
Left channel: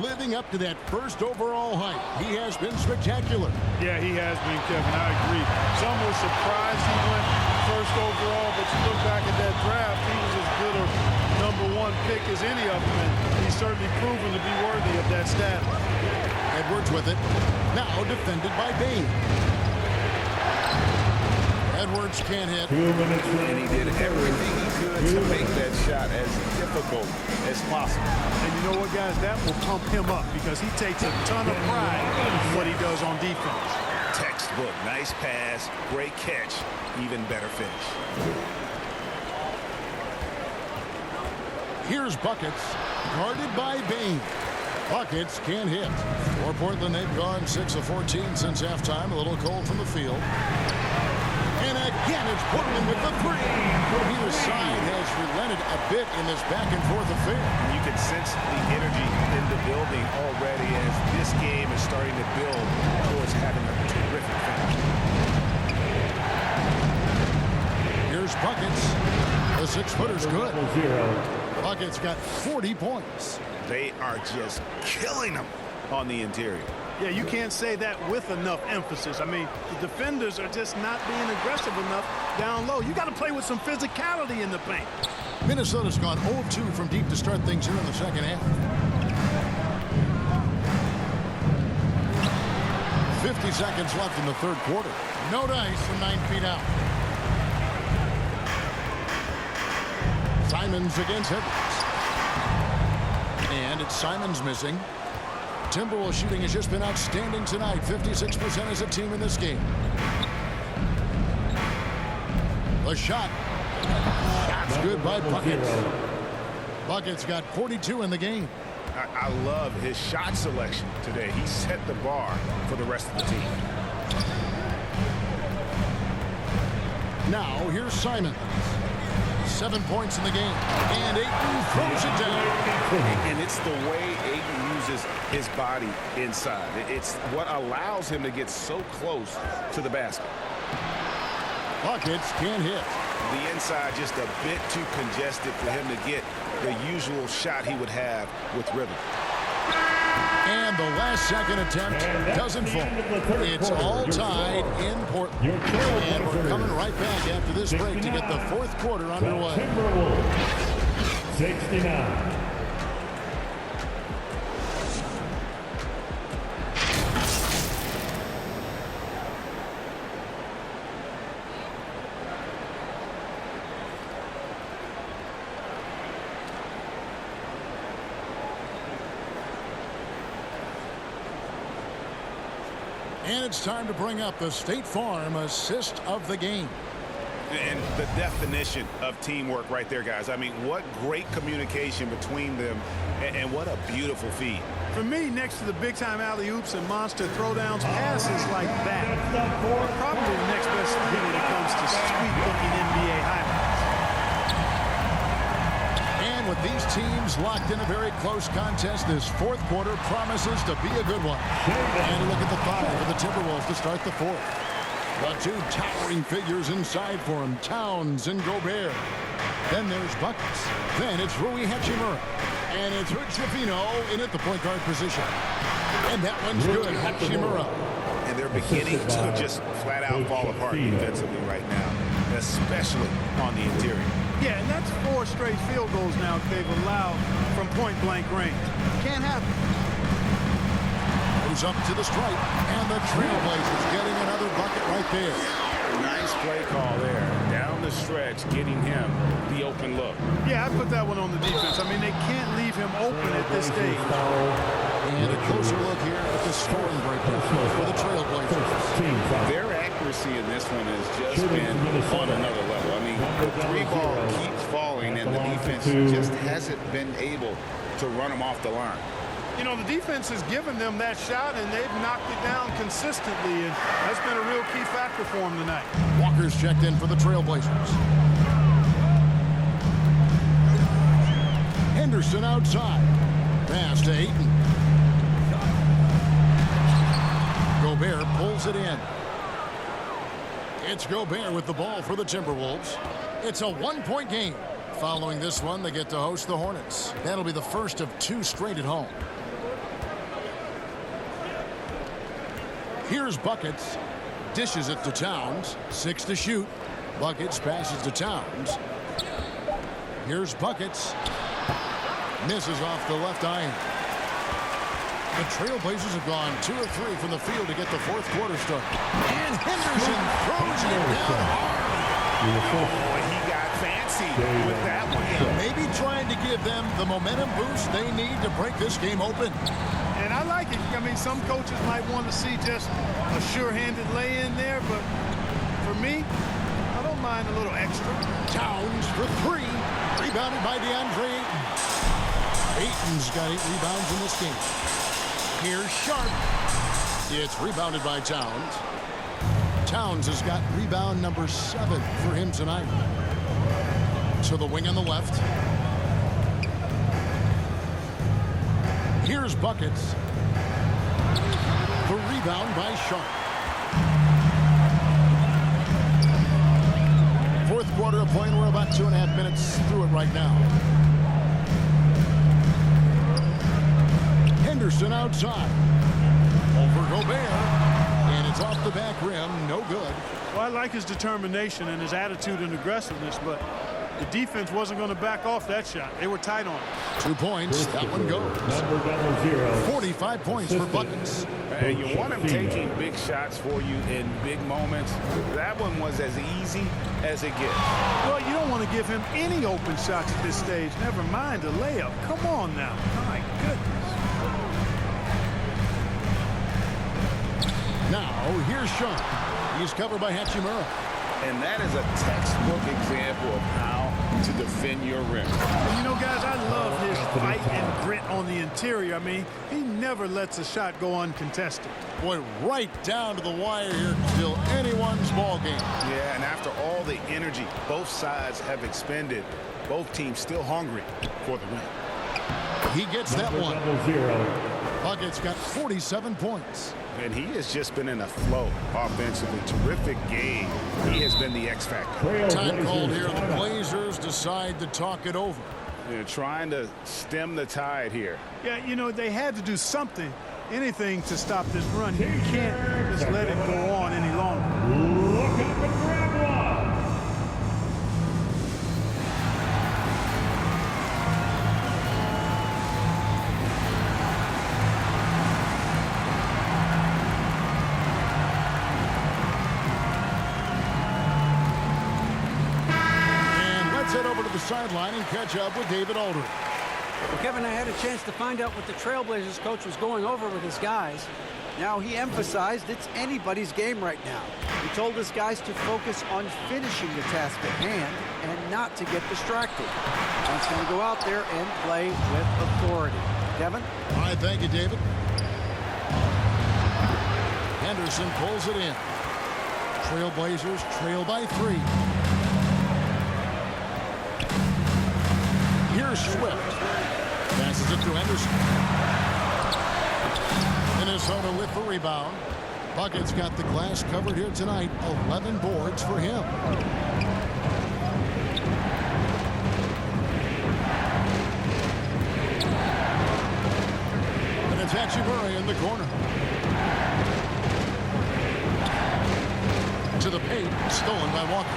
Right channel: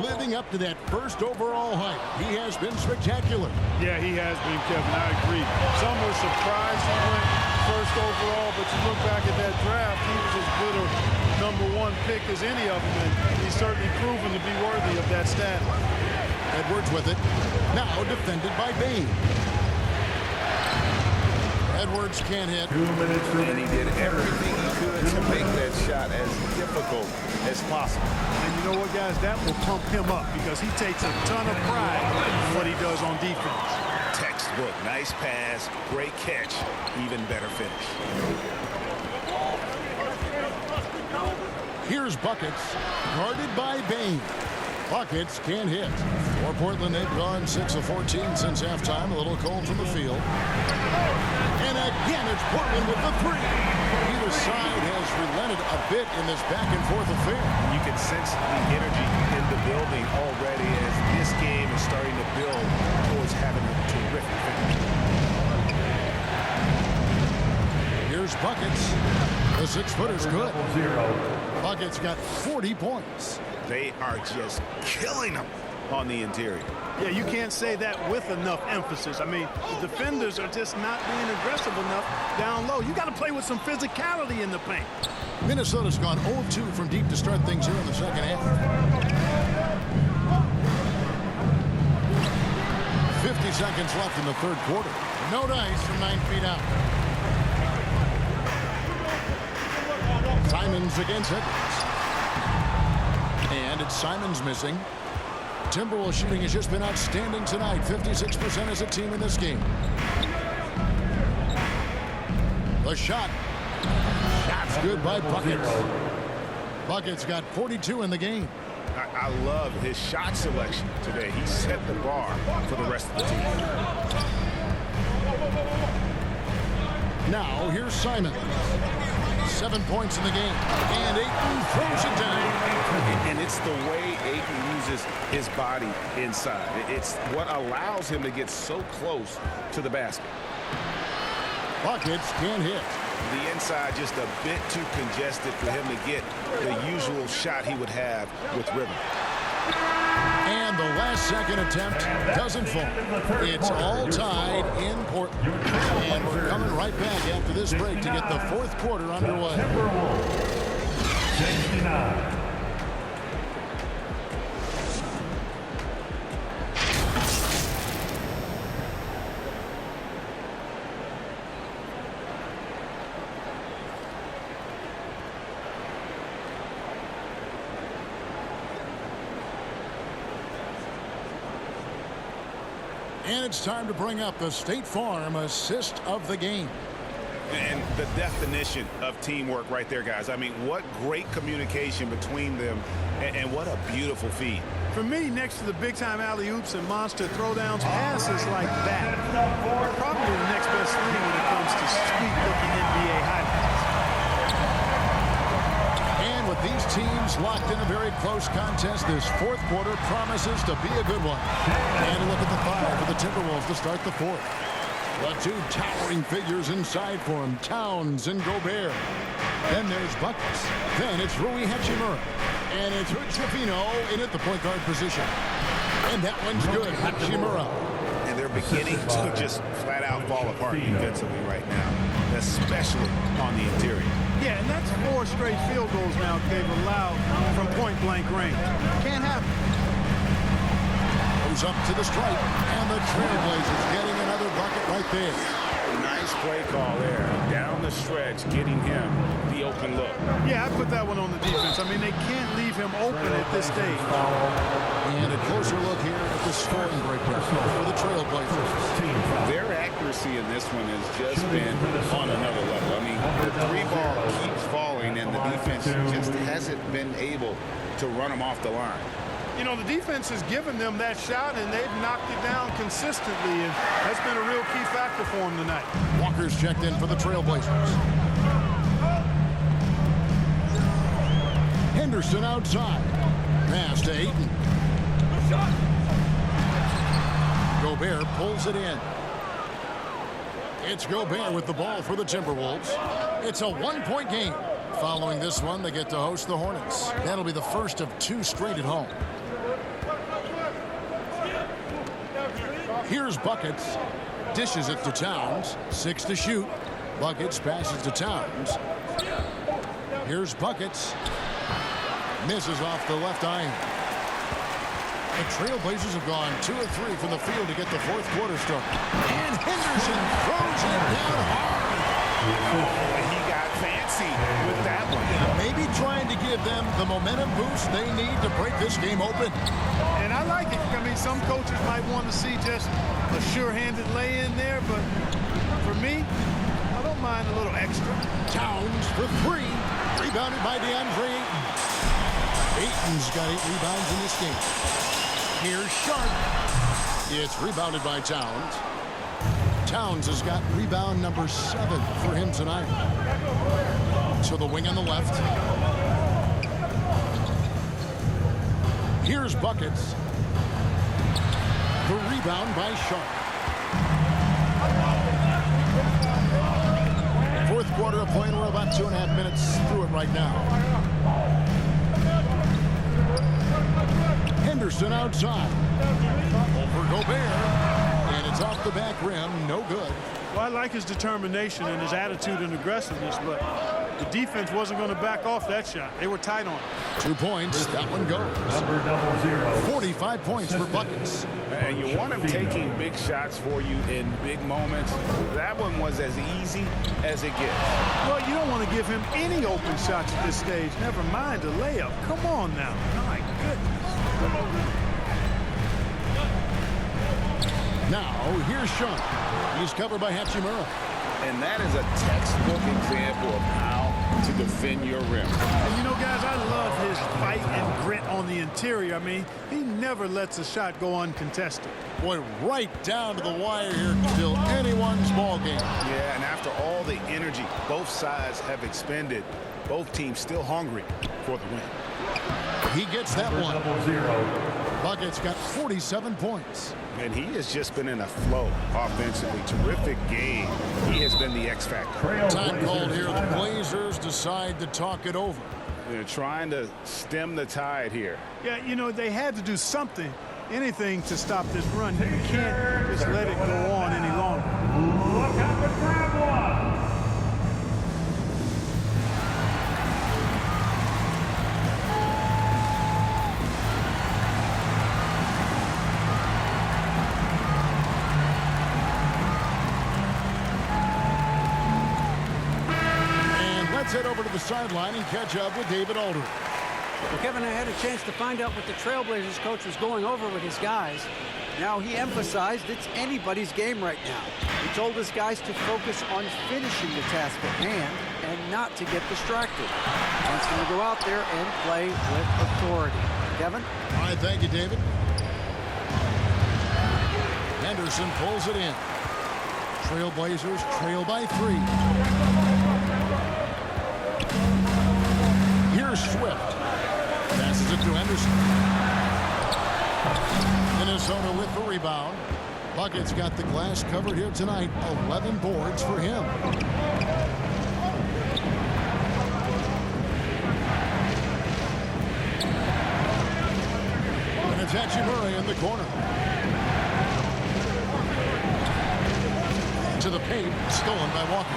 Living up to that first overall hype. He has been spectacular. Yeah, he has been, Kevin. I agree. Some were surprised he went first overall, but you look back at that draft, he was as good a #1 pick as any of them, and he's certainly proven to be worthy of that status. Edwards with it. Now defended by Bain. Edwards can't hit. 2 minutes And he remaining. did everything he could to make that shot as difficult as possible. And you know what, guys? That will pump him up because he takes a ton of pride in what he does on defense. Textbook. Nice pass. Great catch. Even better finish. Here's Buckets, guarded by Bain. Buckets can't hit. For Portland, they've gone 6 of 14 since halftime. A little cold from the field. And again, it's Portland with the 3. Either side has relented a bit in this back-and-forth affair. You can sense the energy in the building already as this game is starting to build towards having a terrific finish. Here's Buckets. The 6-footer's good. 0. Buckets got 40 points. They are just killing them on the interior. Yeah, you can't say that with enough emphasis. I mean, the defenders are just not being aggressive enough down low. You got to play with some physicality in the paint. Minnesota's gone 0 of 2 from deep to start things here in the second half. 50 seconds left in the third quarter. No dice from 9 feet out. Simons against Edwards. And it's Simons missing. Timberwolves shooting has just been outstanding tonight. 56% as a team in this game. The shot. Shot's good by Buckets. Buckets got 42 in the game. I love his shot selection today. He set the bar for the rest of the team. Now here's Simons. 7 points in the game. And Ayton throws it down. And it's the way Ayton uses his body inside. It's what allows him to get so close to the basket. Buckets can't hit. The inside just a bit too congested for him to get the usual shot he would have with rhythm. And the last second attempt doesn't fall. It's all tied in Portland. And we're coming right back after this break to get the fourth quarter underway. Timberwolves 69. And it's time to bring up the State Farm assist of the game. And the definition of teamwork right there, guys. I mean, what great communication between them, and what a beautiful feed. For me, next to the big-time alley-oops and monster throwdowns, passes like that are probably the next best thing when it comes to sweet-looking NBA highlights. And with these teams locked in a very close contest, this fourth quarter promises to be a good one. And a look at the 5 for the Timberwolves to start the fourth. The 2 towering figures inside for him, Towns and Gobert. Then there's Buckets. Then it's Rui Hachimura. And it's Hood-Schifino in at the point guard position. And that one's good, Hachimura. And they're beginning to just flat out fall apart defensively right now, especially on the interior. Yeah, and that's 4 straight field goals now they've allowed from point-blank range. Can't happen. Goes up to the stripe, and the Trailblazers getting another bucket right there. Nice play call there. Down the stretch, getting him the open look. Yeah, I put that one on the defense. I mean, they can't leave him open at this stage. And a closer look here at the scoring breakdown for the Trailblazers. Their accuracy in this one has just been on another level. I mean, the three ball keeps falling, and the defense just hasn't been able to run them off the line. You know, the defense has given them that shot, and they've knocked it down consistently, and that's been a real key factor for them tonight. Walker's checked in for the Trailblazers. Henderson outside. Pass to Ayton. Gobert pulls it in. It's Gobert with the ball for the Timberwolves. It's a one-point game. Following this one, they get to host the Hornets. That'll be the first of 2 straight at home. Here's Buckets. Dishes it to Towns. 6 to shoot. Buckets passes to Towns. Here's Buckets. Misses off the left iron. The Trailblazers have gone 2 of 3 from the field to get the fourth quarter started. And Henderson throws it down hard. Oh, he got fancy with that one. Yeah, maybe trying to give them the momentum boost they need to break this game open. And I like it. I mean, some coaches might want to see just a sure-handed lay-in there, but for me, I don't mind a little extra. Towns for 3. Rebounded by DeAndre Ayton. Ayton's got 8 rebounds in this game. Here's Sharp. It's rebounded by Towns. Towns has got rebound number 7 for him tonight. To the wing on the left. Here's Buckets. The rebound by Sharp. Fourth quarter of play, and we're about 2.5 minutes through it right now. Henderson outside. Over Gobert. And it's off the back rim. No good. Well, I like his determination and his attitude and aggressiveness, but the defense wasn't going to back off that shot. They were tight on it. 2 points. That one goes. Number 00. 45 points for Buckets. And you want him taking big shots for you in big moments. That one was as easy as it gets. Well, you don't want to give him any open shots at this stage. Never mind a layup. Come on now. My goodness. Now, here's Sharp. He's covered by Hachimura. And that is a textbook example of how to defend your rim. And you know, guys, I love his fight and grit on the interior. I mean, he never lets a shot go uncontested. Boy, right down to the wire here. Still anyone's ball game. Yeah, and after all the energy both sides have expended, both teams still hungry for the win. He gets that one. 00. Buckets got 47 points. And he has just been in a flow offensively. Terrific game. He has been the X factor. Time called here. The Blazers decide to talk it over. They're trying to stem the tide here. Yeah, you know, they had to do something, anything to stop this run. You can't just let it go on any longer. Look up and grab one. Let's head over to the sideline and catch up with David Aldridge. Well, Kevin, I had a chance to find out what the Trailblazers coach was going over with his guys. Now, he emphasized it's anybody's game right now. He told his guys to focus on finishing the task at hand and not to get distracted. He wants them to go out there and play with authority. Kevin? All right, thank you, David. Henderson pulls it in. Trailblazers trail by 3. Here's Swift. Passes it to Henderson. Minnesota with the rebound. Buckets got the glass covered here tonight. 11 boards for him. And it's Hachimura in the corner. To the paint, stolen by Walker.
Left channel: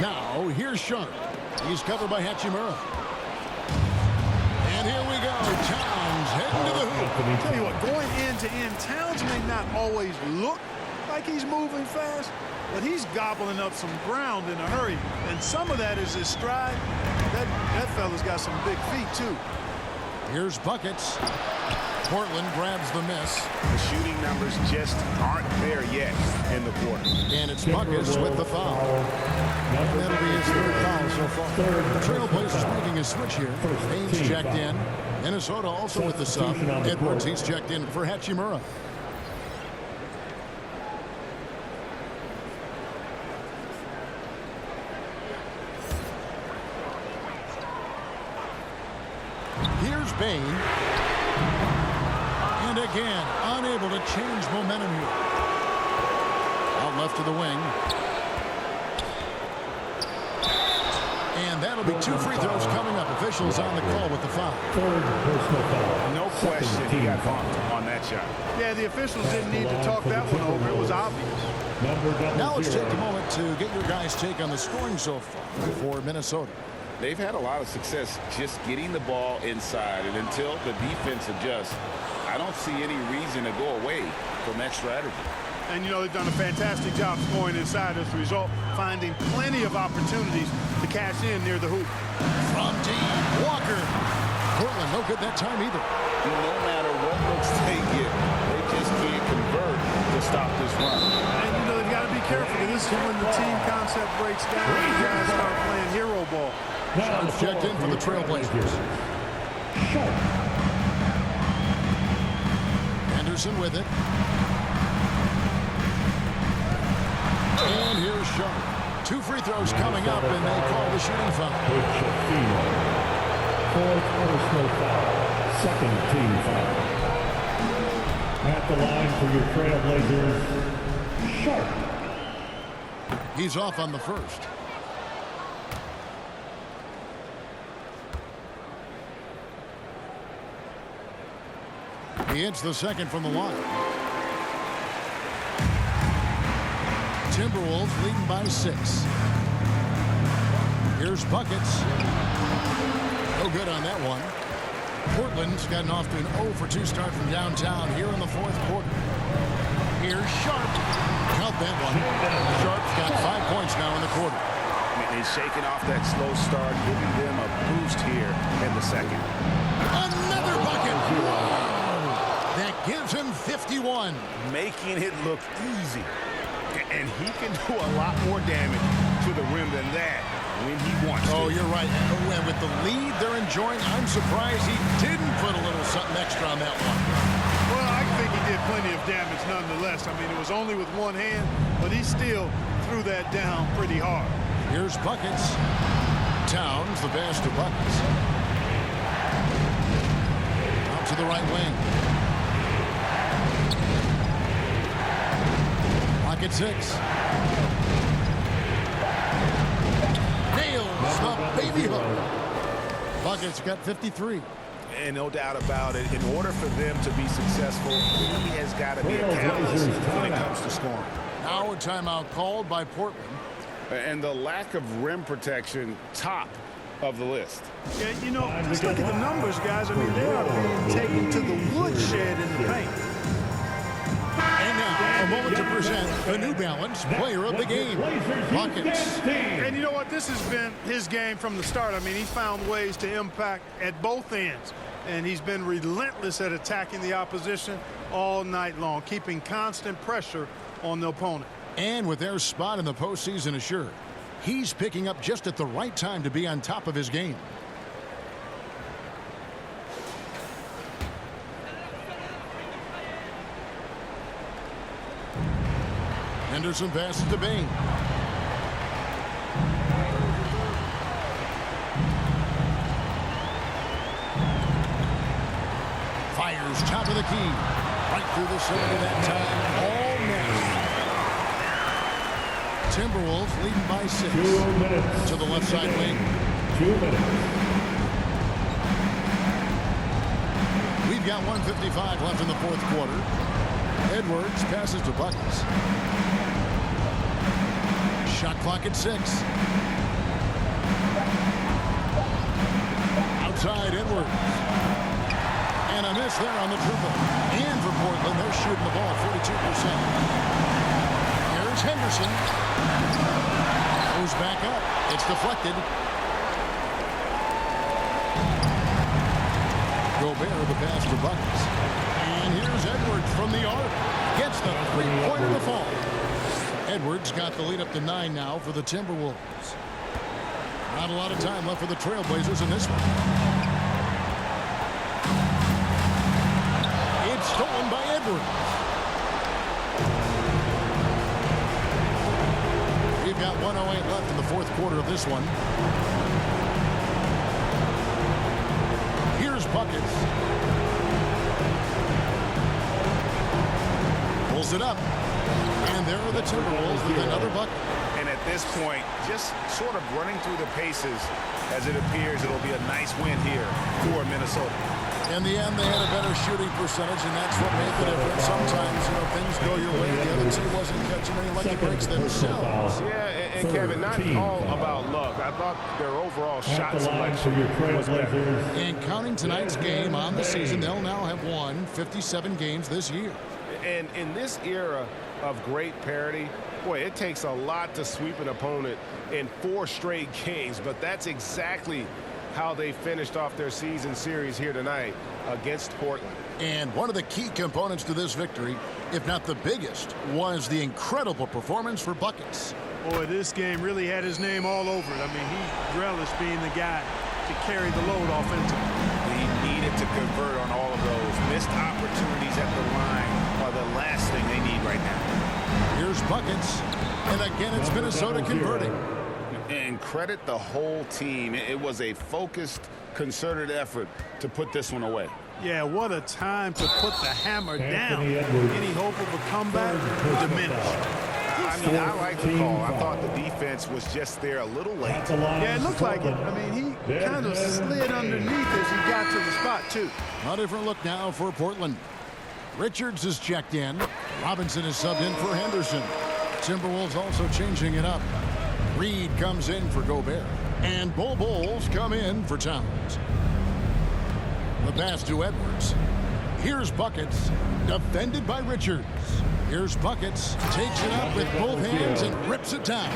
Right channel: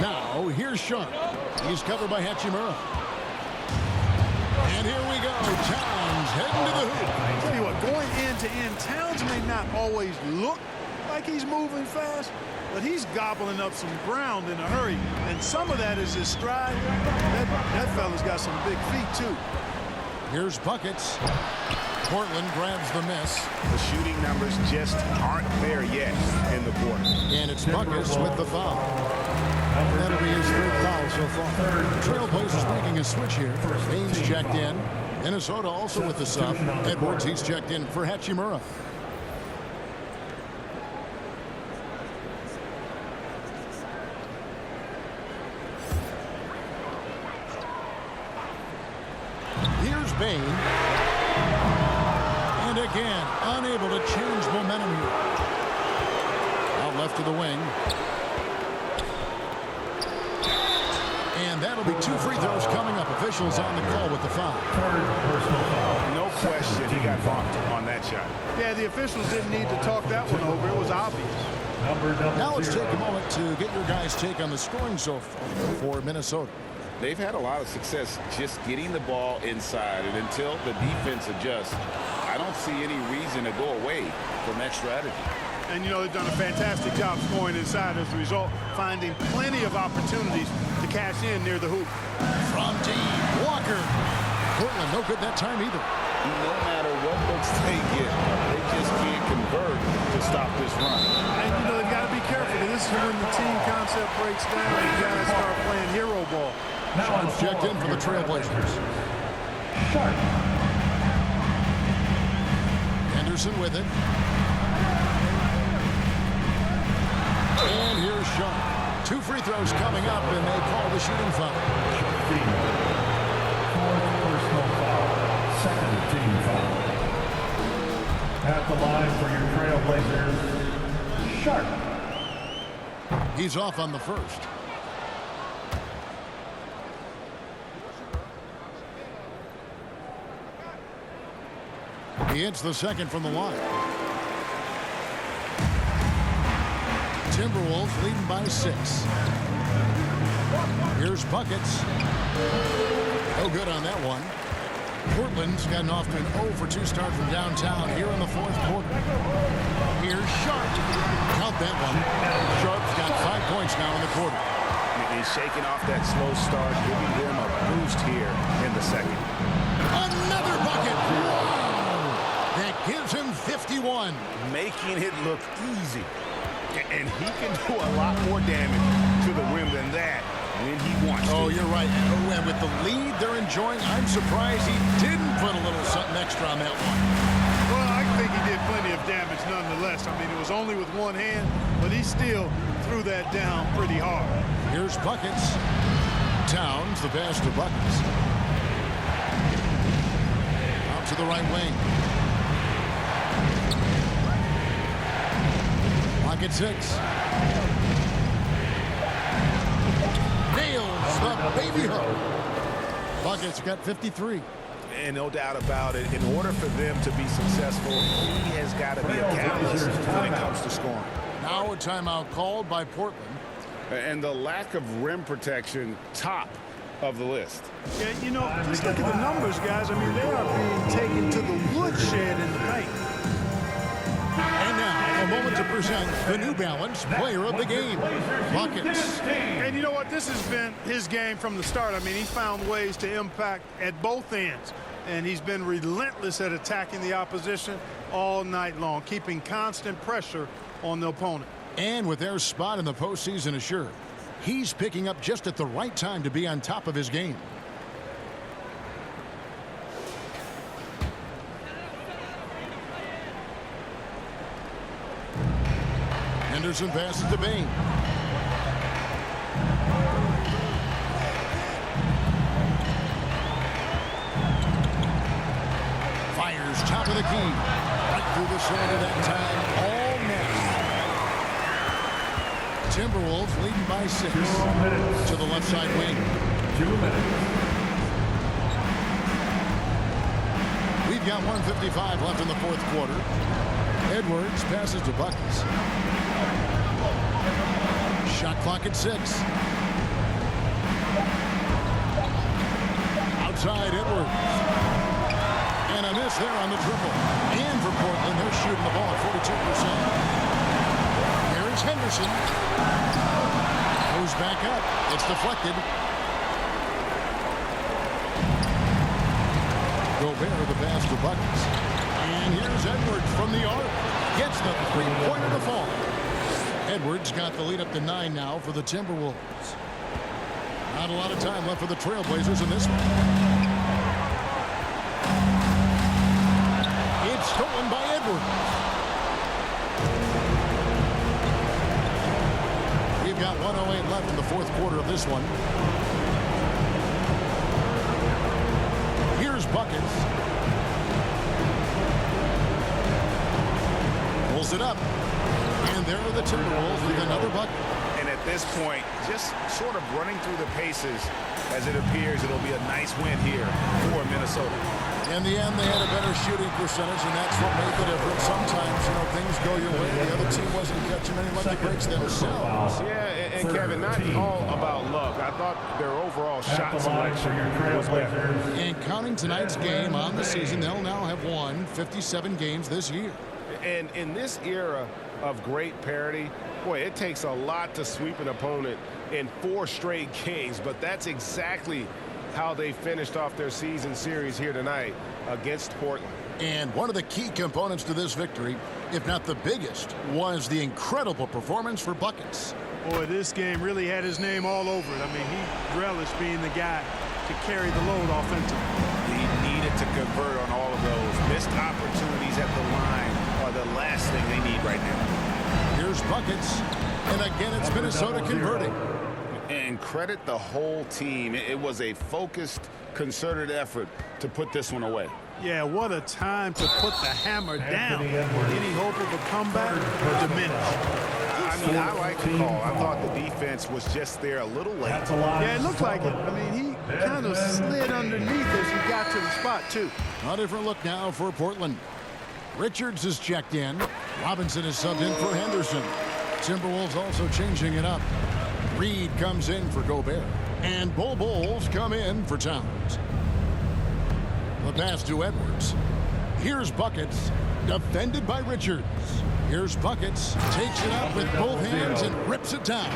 Now, here's Sharp. He's covered by Hachimura. And here we go. Towns heading to the hoop. Tell you what, going end to end, Towns may not always look like he's moving fast, but he's gobbling up some ground in a hurry. And some of that is his stride. That fella's got some big feet, too. Here's buckets. Portland grabs the miss. The shooting numbers just aren't there yet in the quarter. And it's Buckets with the foul. And that'll be his third foul so far. Trailblazers making a switch here. Baines checked in. Minnesota also with the sub. Edwards, he's checked in for Hachimura. Here's Bain. And again, unable to change momentum here. Out left to the wing. And that'll be 2 free throws coming up. Officials on the call with the foul. Third personal foul. No question he got bumped on that shot. Yeah, the officials didn't need to talk that one over. It was obvious. Now let's take a moment to get your guys' take on the scoring so far for Minnesota. They've had a lot of success just getting the ball inside, and until the defense adjusts, I don't see any reason to go away from that strategy. And, you know, they've done a fantastic job scoring inside as a result, finding plenty of opportunities to cash in near the hoop. From deep, Walker. Portland, no good that time either. No matter what looks they get, they just can't convert to stop this run. And, you know, they've got to be careful, because this is when the team concept breaks down and guys start playing hero ball. Sharp's checked in for the Trailblazers. Sharp. Anderson with it. And here's Sharp. 2 free throws coming up, and they call the shooting foul. Fourth personal foul. Second team foul. At the line for your Trailblazers, Sharp. He's off on the first. He hits the second from the line. Timberwolves leading by 6. Here's Buckets. No good on that one. Portland's gotten off to an 0 for 2 start from downtown here in the 4th quarter. Here's Sharp. Count that one. Sharp's got 5 points now in the quarter. He's shaking off that slow start, giving them a boost here in the second. Another bucket. Wow. That gives him 51. Making it look easy. And he can do a lot more damage to the rim than that when he wants to. Oh, you're right. And with the lead they're enjoying, I'm surprised he didn't put a little something extra on that one. Well, I think he did plenty of damage nonetheless. I mean, it was only with one hand, but he still threw that down pretty hard. Here's Buckets. Towns, the pass to Buckets. Out to the right wing. Clock at 6. Nails the baby hook. Buckets got 53. And no doubt about it, in order for them to be successful, he has got to be a catalyst when it comes to scoring. Now a timeout called by Portland. And the lack of rim protection, top of the list. Yeah, you know, just look at the numbers, guys. I mean, they are being taken to the woodshed in the paint. And now, a moment to present the New Balance Player of the Game, Buckets. And you know what? This has been his game from the start. I mean, he found ways to impact at both ends. And he's been relentless at attacking the opposition all night long, keeping constant pressure on the opponent. And with their spot in the postseason assured, he's picking up just at the right time to be on top of his game. Henderson passes to Bain. Fires top of the key. Right through the cylinder that time. All net. Timberwolves leading by 6. 2 minutes. To the left side wing. 2 minutes. We've got 1:55 left in the 4th quarter. Edwards passes to Buckets. Shot clock at 6. outside Edwards. And a miss there on the triple. And for Portland, they're shooting the ball at 42%. Here's Henderson. Goes back up. It's deflected. Gobert the pass for buckets. And here's Edwards from the arc. Gets the three-pointer to fall. Edwards got the lead up to 9 now for the Timberwolves. Not a lot of time left for the Trailblazers in this one. It's stolen by Edwards. We've got 1:08 left in the fourth quarter of this one. Here's buckets. Pulls it up. And there are the Timberwolves with another bucket. And at this point, just sort of running through the paces, as it appears it'll be a nice win here for Minnesota. In the end, they had a better shooting percentage, and that's what made the difference. Sometimes, things go your way. The other team wasn't catching any lucky breaks themselves. Yeah, and Kevin, not all about luck. I thought their overall shot selection was better. And counting tonight's game on the season, they'll now have won 57 games this year. And in this era of great parity, boy, it takes a lot to sweep an opponent in 4 straight games, but that's exactly how they finished off their season series here tonight against Portland. And one of the key components to this victory, if not the biggest, was the incredible performance for buckets. Boy, this game really had his name all over it. I mean, he relished being the guy to carry the load offensively. He needed to convert on all of those. Missed opportunities at the line are the last thing they need right now. Here's buckets. And again, it's Minnesota converting. And credit the whole team. It was a focused, concerted effort to put this one away. Yeah, what a time to put the hammer down. Any hope of a comeback diminished. I mean, I like the call. I thought the defense was just there a little late. Yeah, it looked like it. I mean, he kind of slid underneath as he got to the spot, too. A different look now for Portland. Richards is checked in. Robinson is subbed in for Henderson. Timberwolves also changing it up. Reed comes in for Gobert. And Bulls come in for Towns. The pass to Edwards. Here's buckets. Defended by Richards. Here's buckets. Takes it up with both hands and rips it down.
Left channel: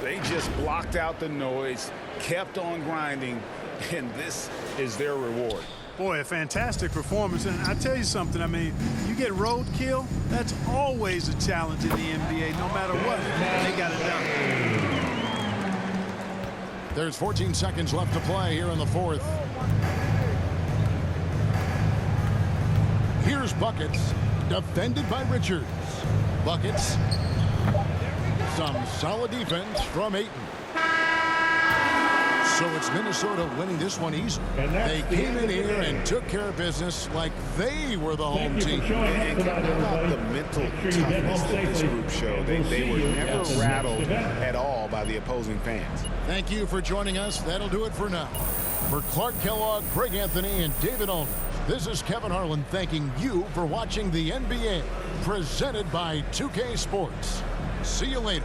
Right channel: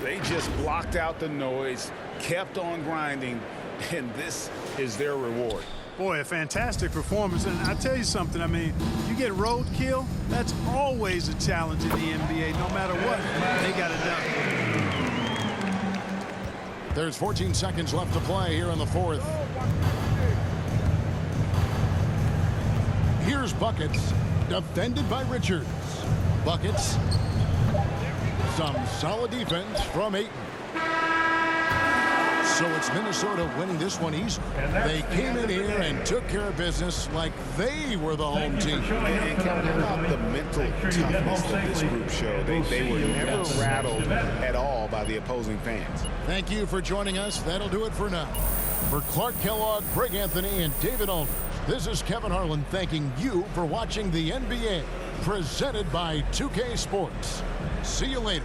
They just blocked out the noise, kept on grinding, and this is their reward. Boy, a fantastic performance. And I tell you something, I mean, you get roadkill, that's always a challenge in the NBA. No matter what, they got it done. There's 14 seconds left to play here in the fourth. Here's buckets. Defended by Richards. Buckets. Some solid defense from Ayton. So it's Minnesota winning this one easily. They came in here and took care of business like they were the home team. And Kevin, how about the mental toughness that this group showed? They were never rattled at all by the opposing fans. Thank you for joining us. That'll do it for now. For Clark Kellogg, Greg Anthony, and David Aldridge, this is Kevin Harlan thanking you for watching the NBA, presented by 2K Sports. See you later.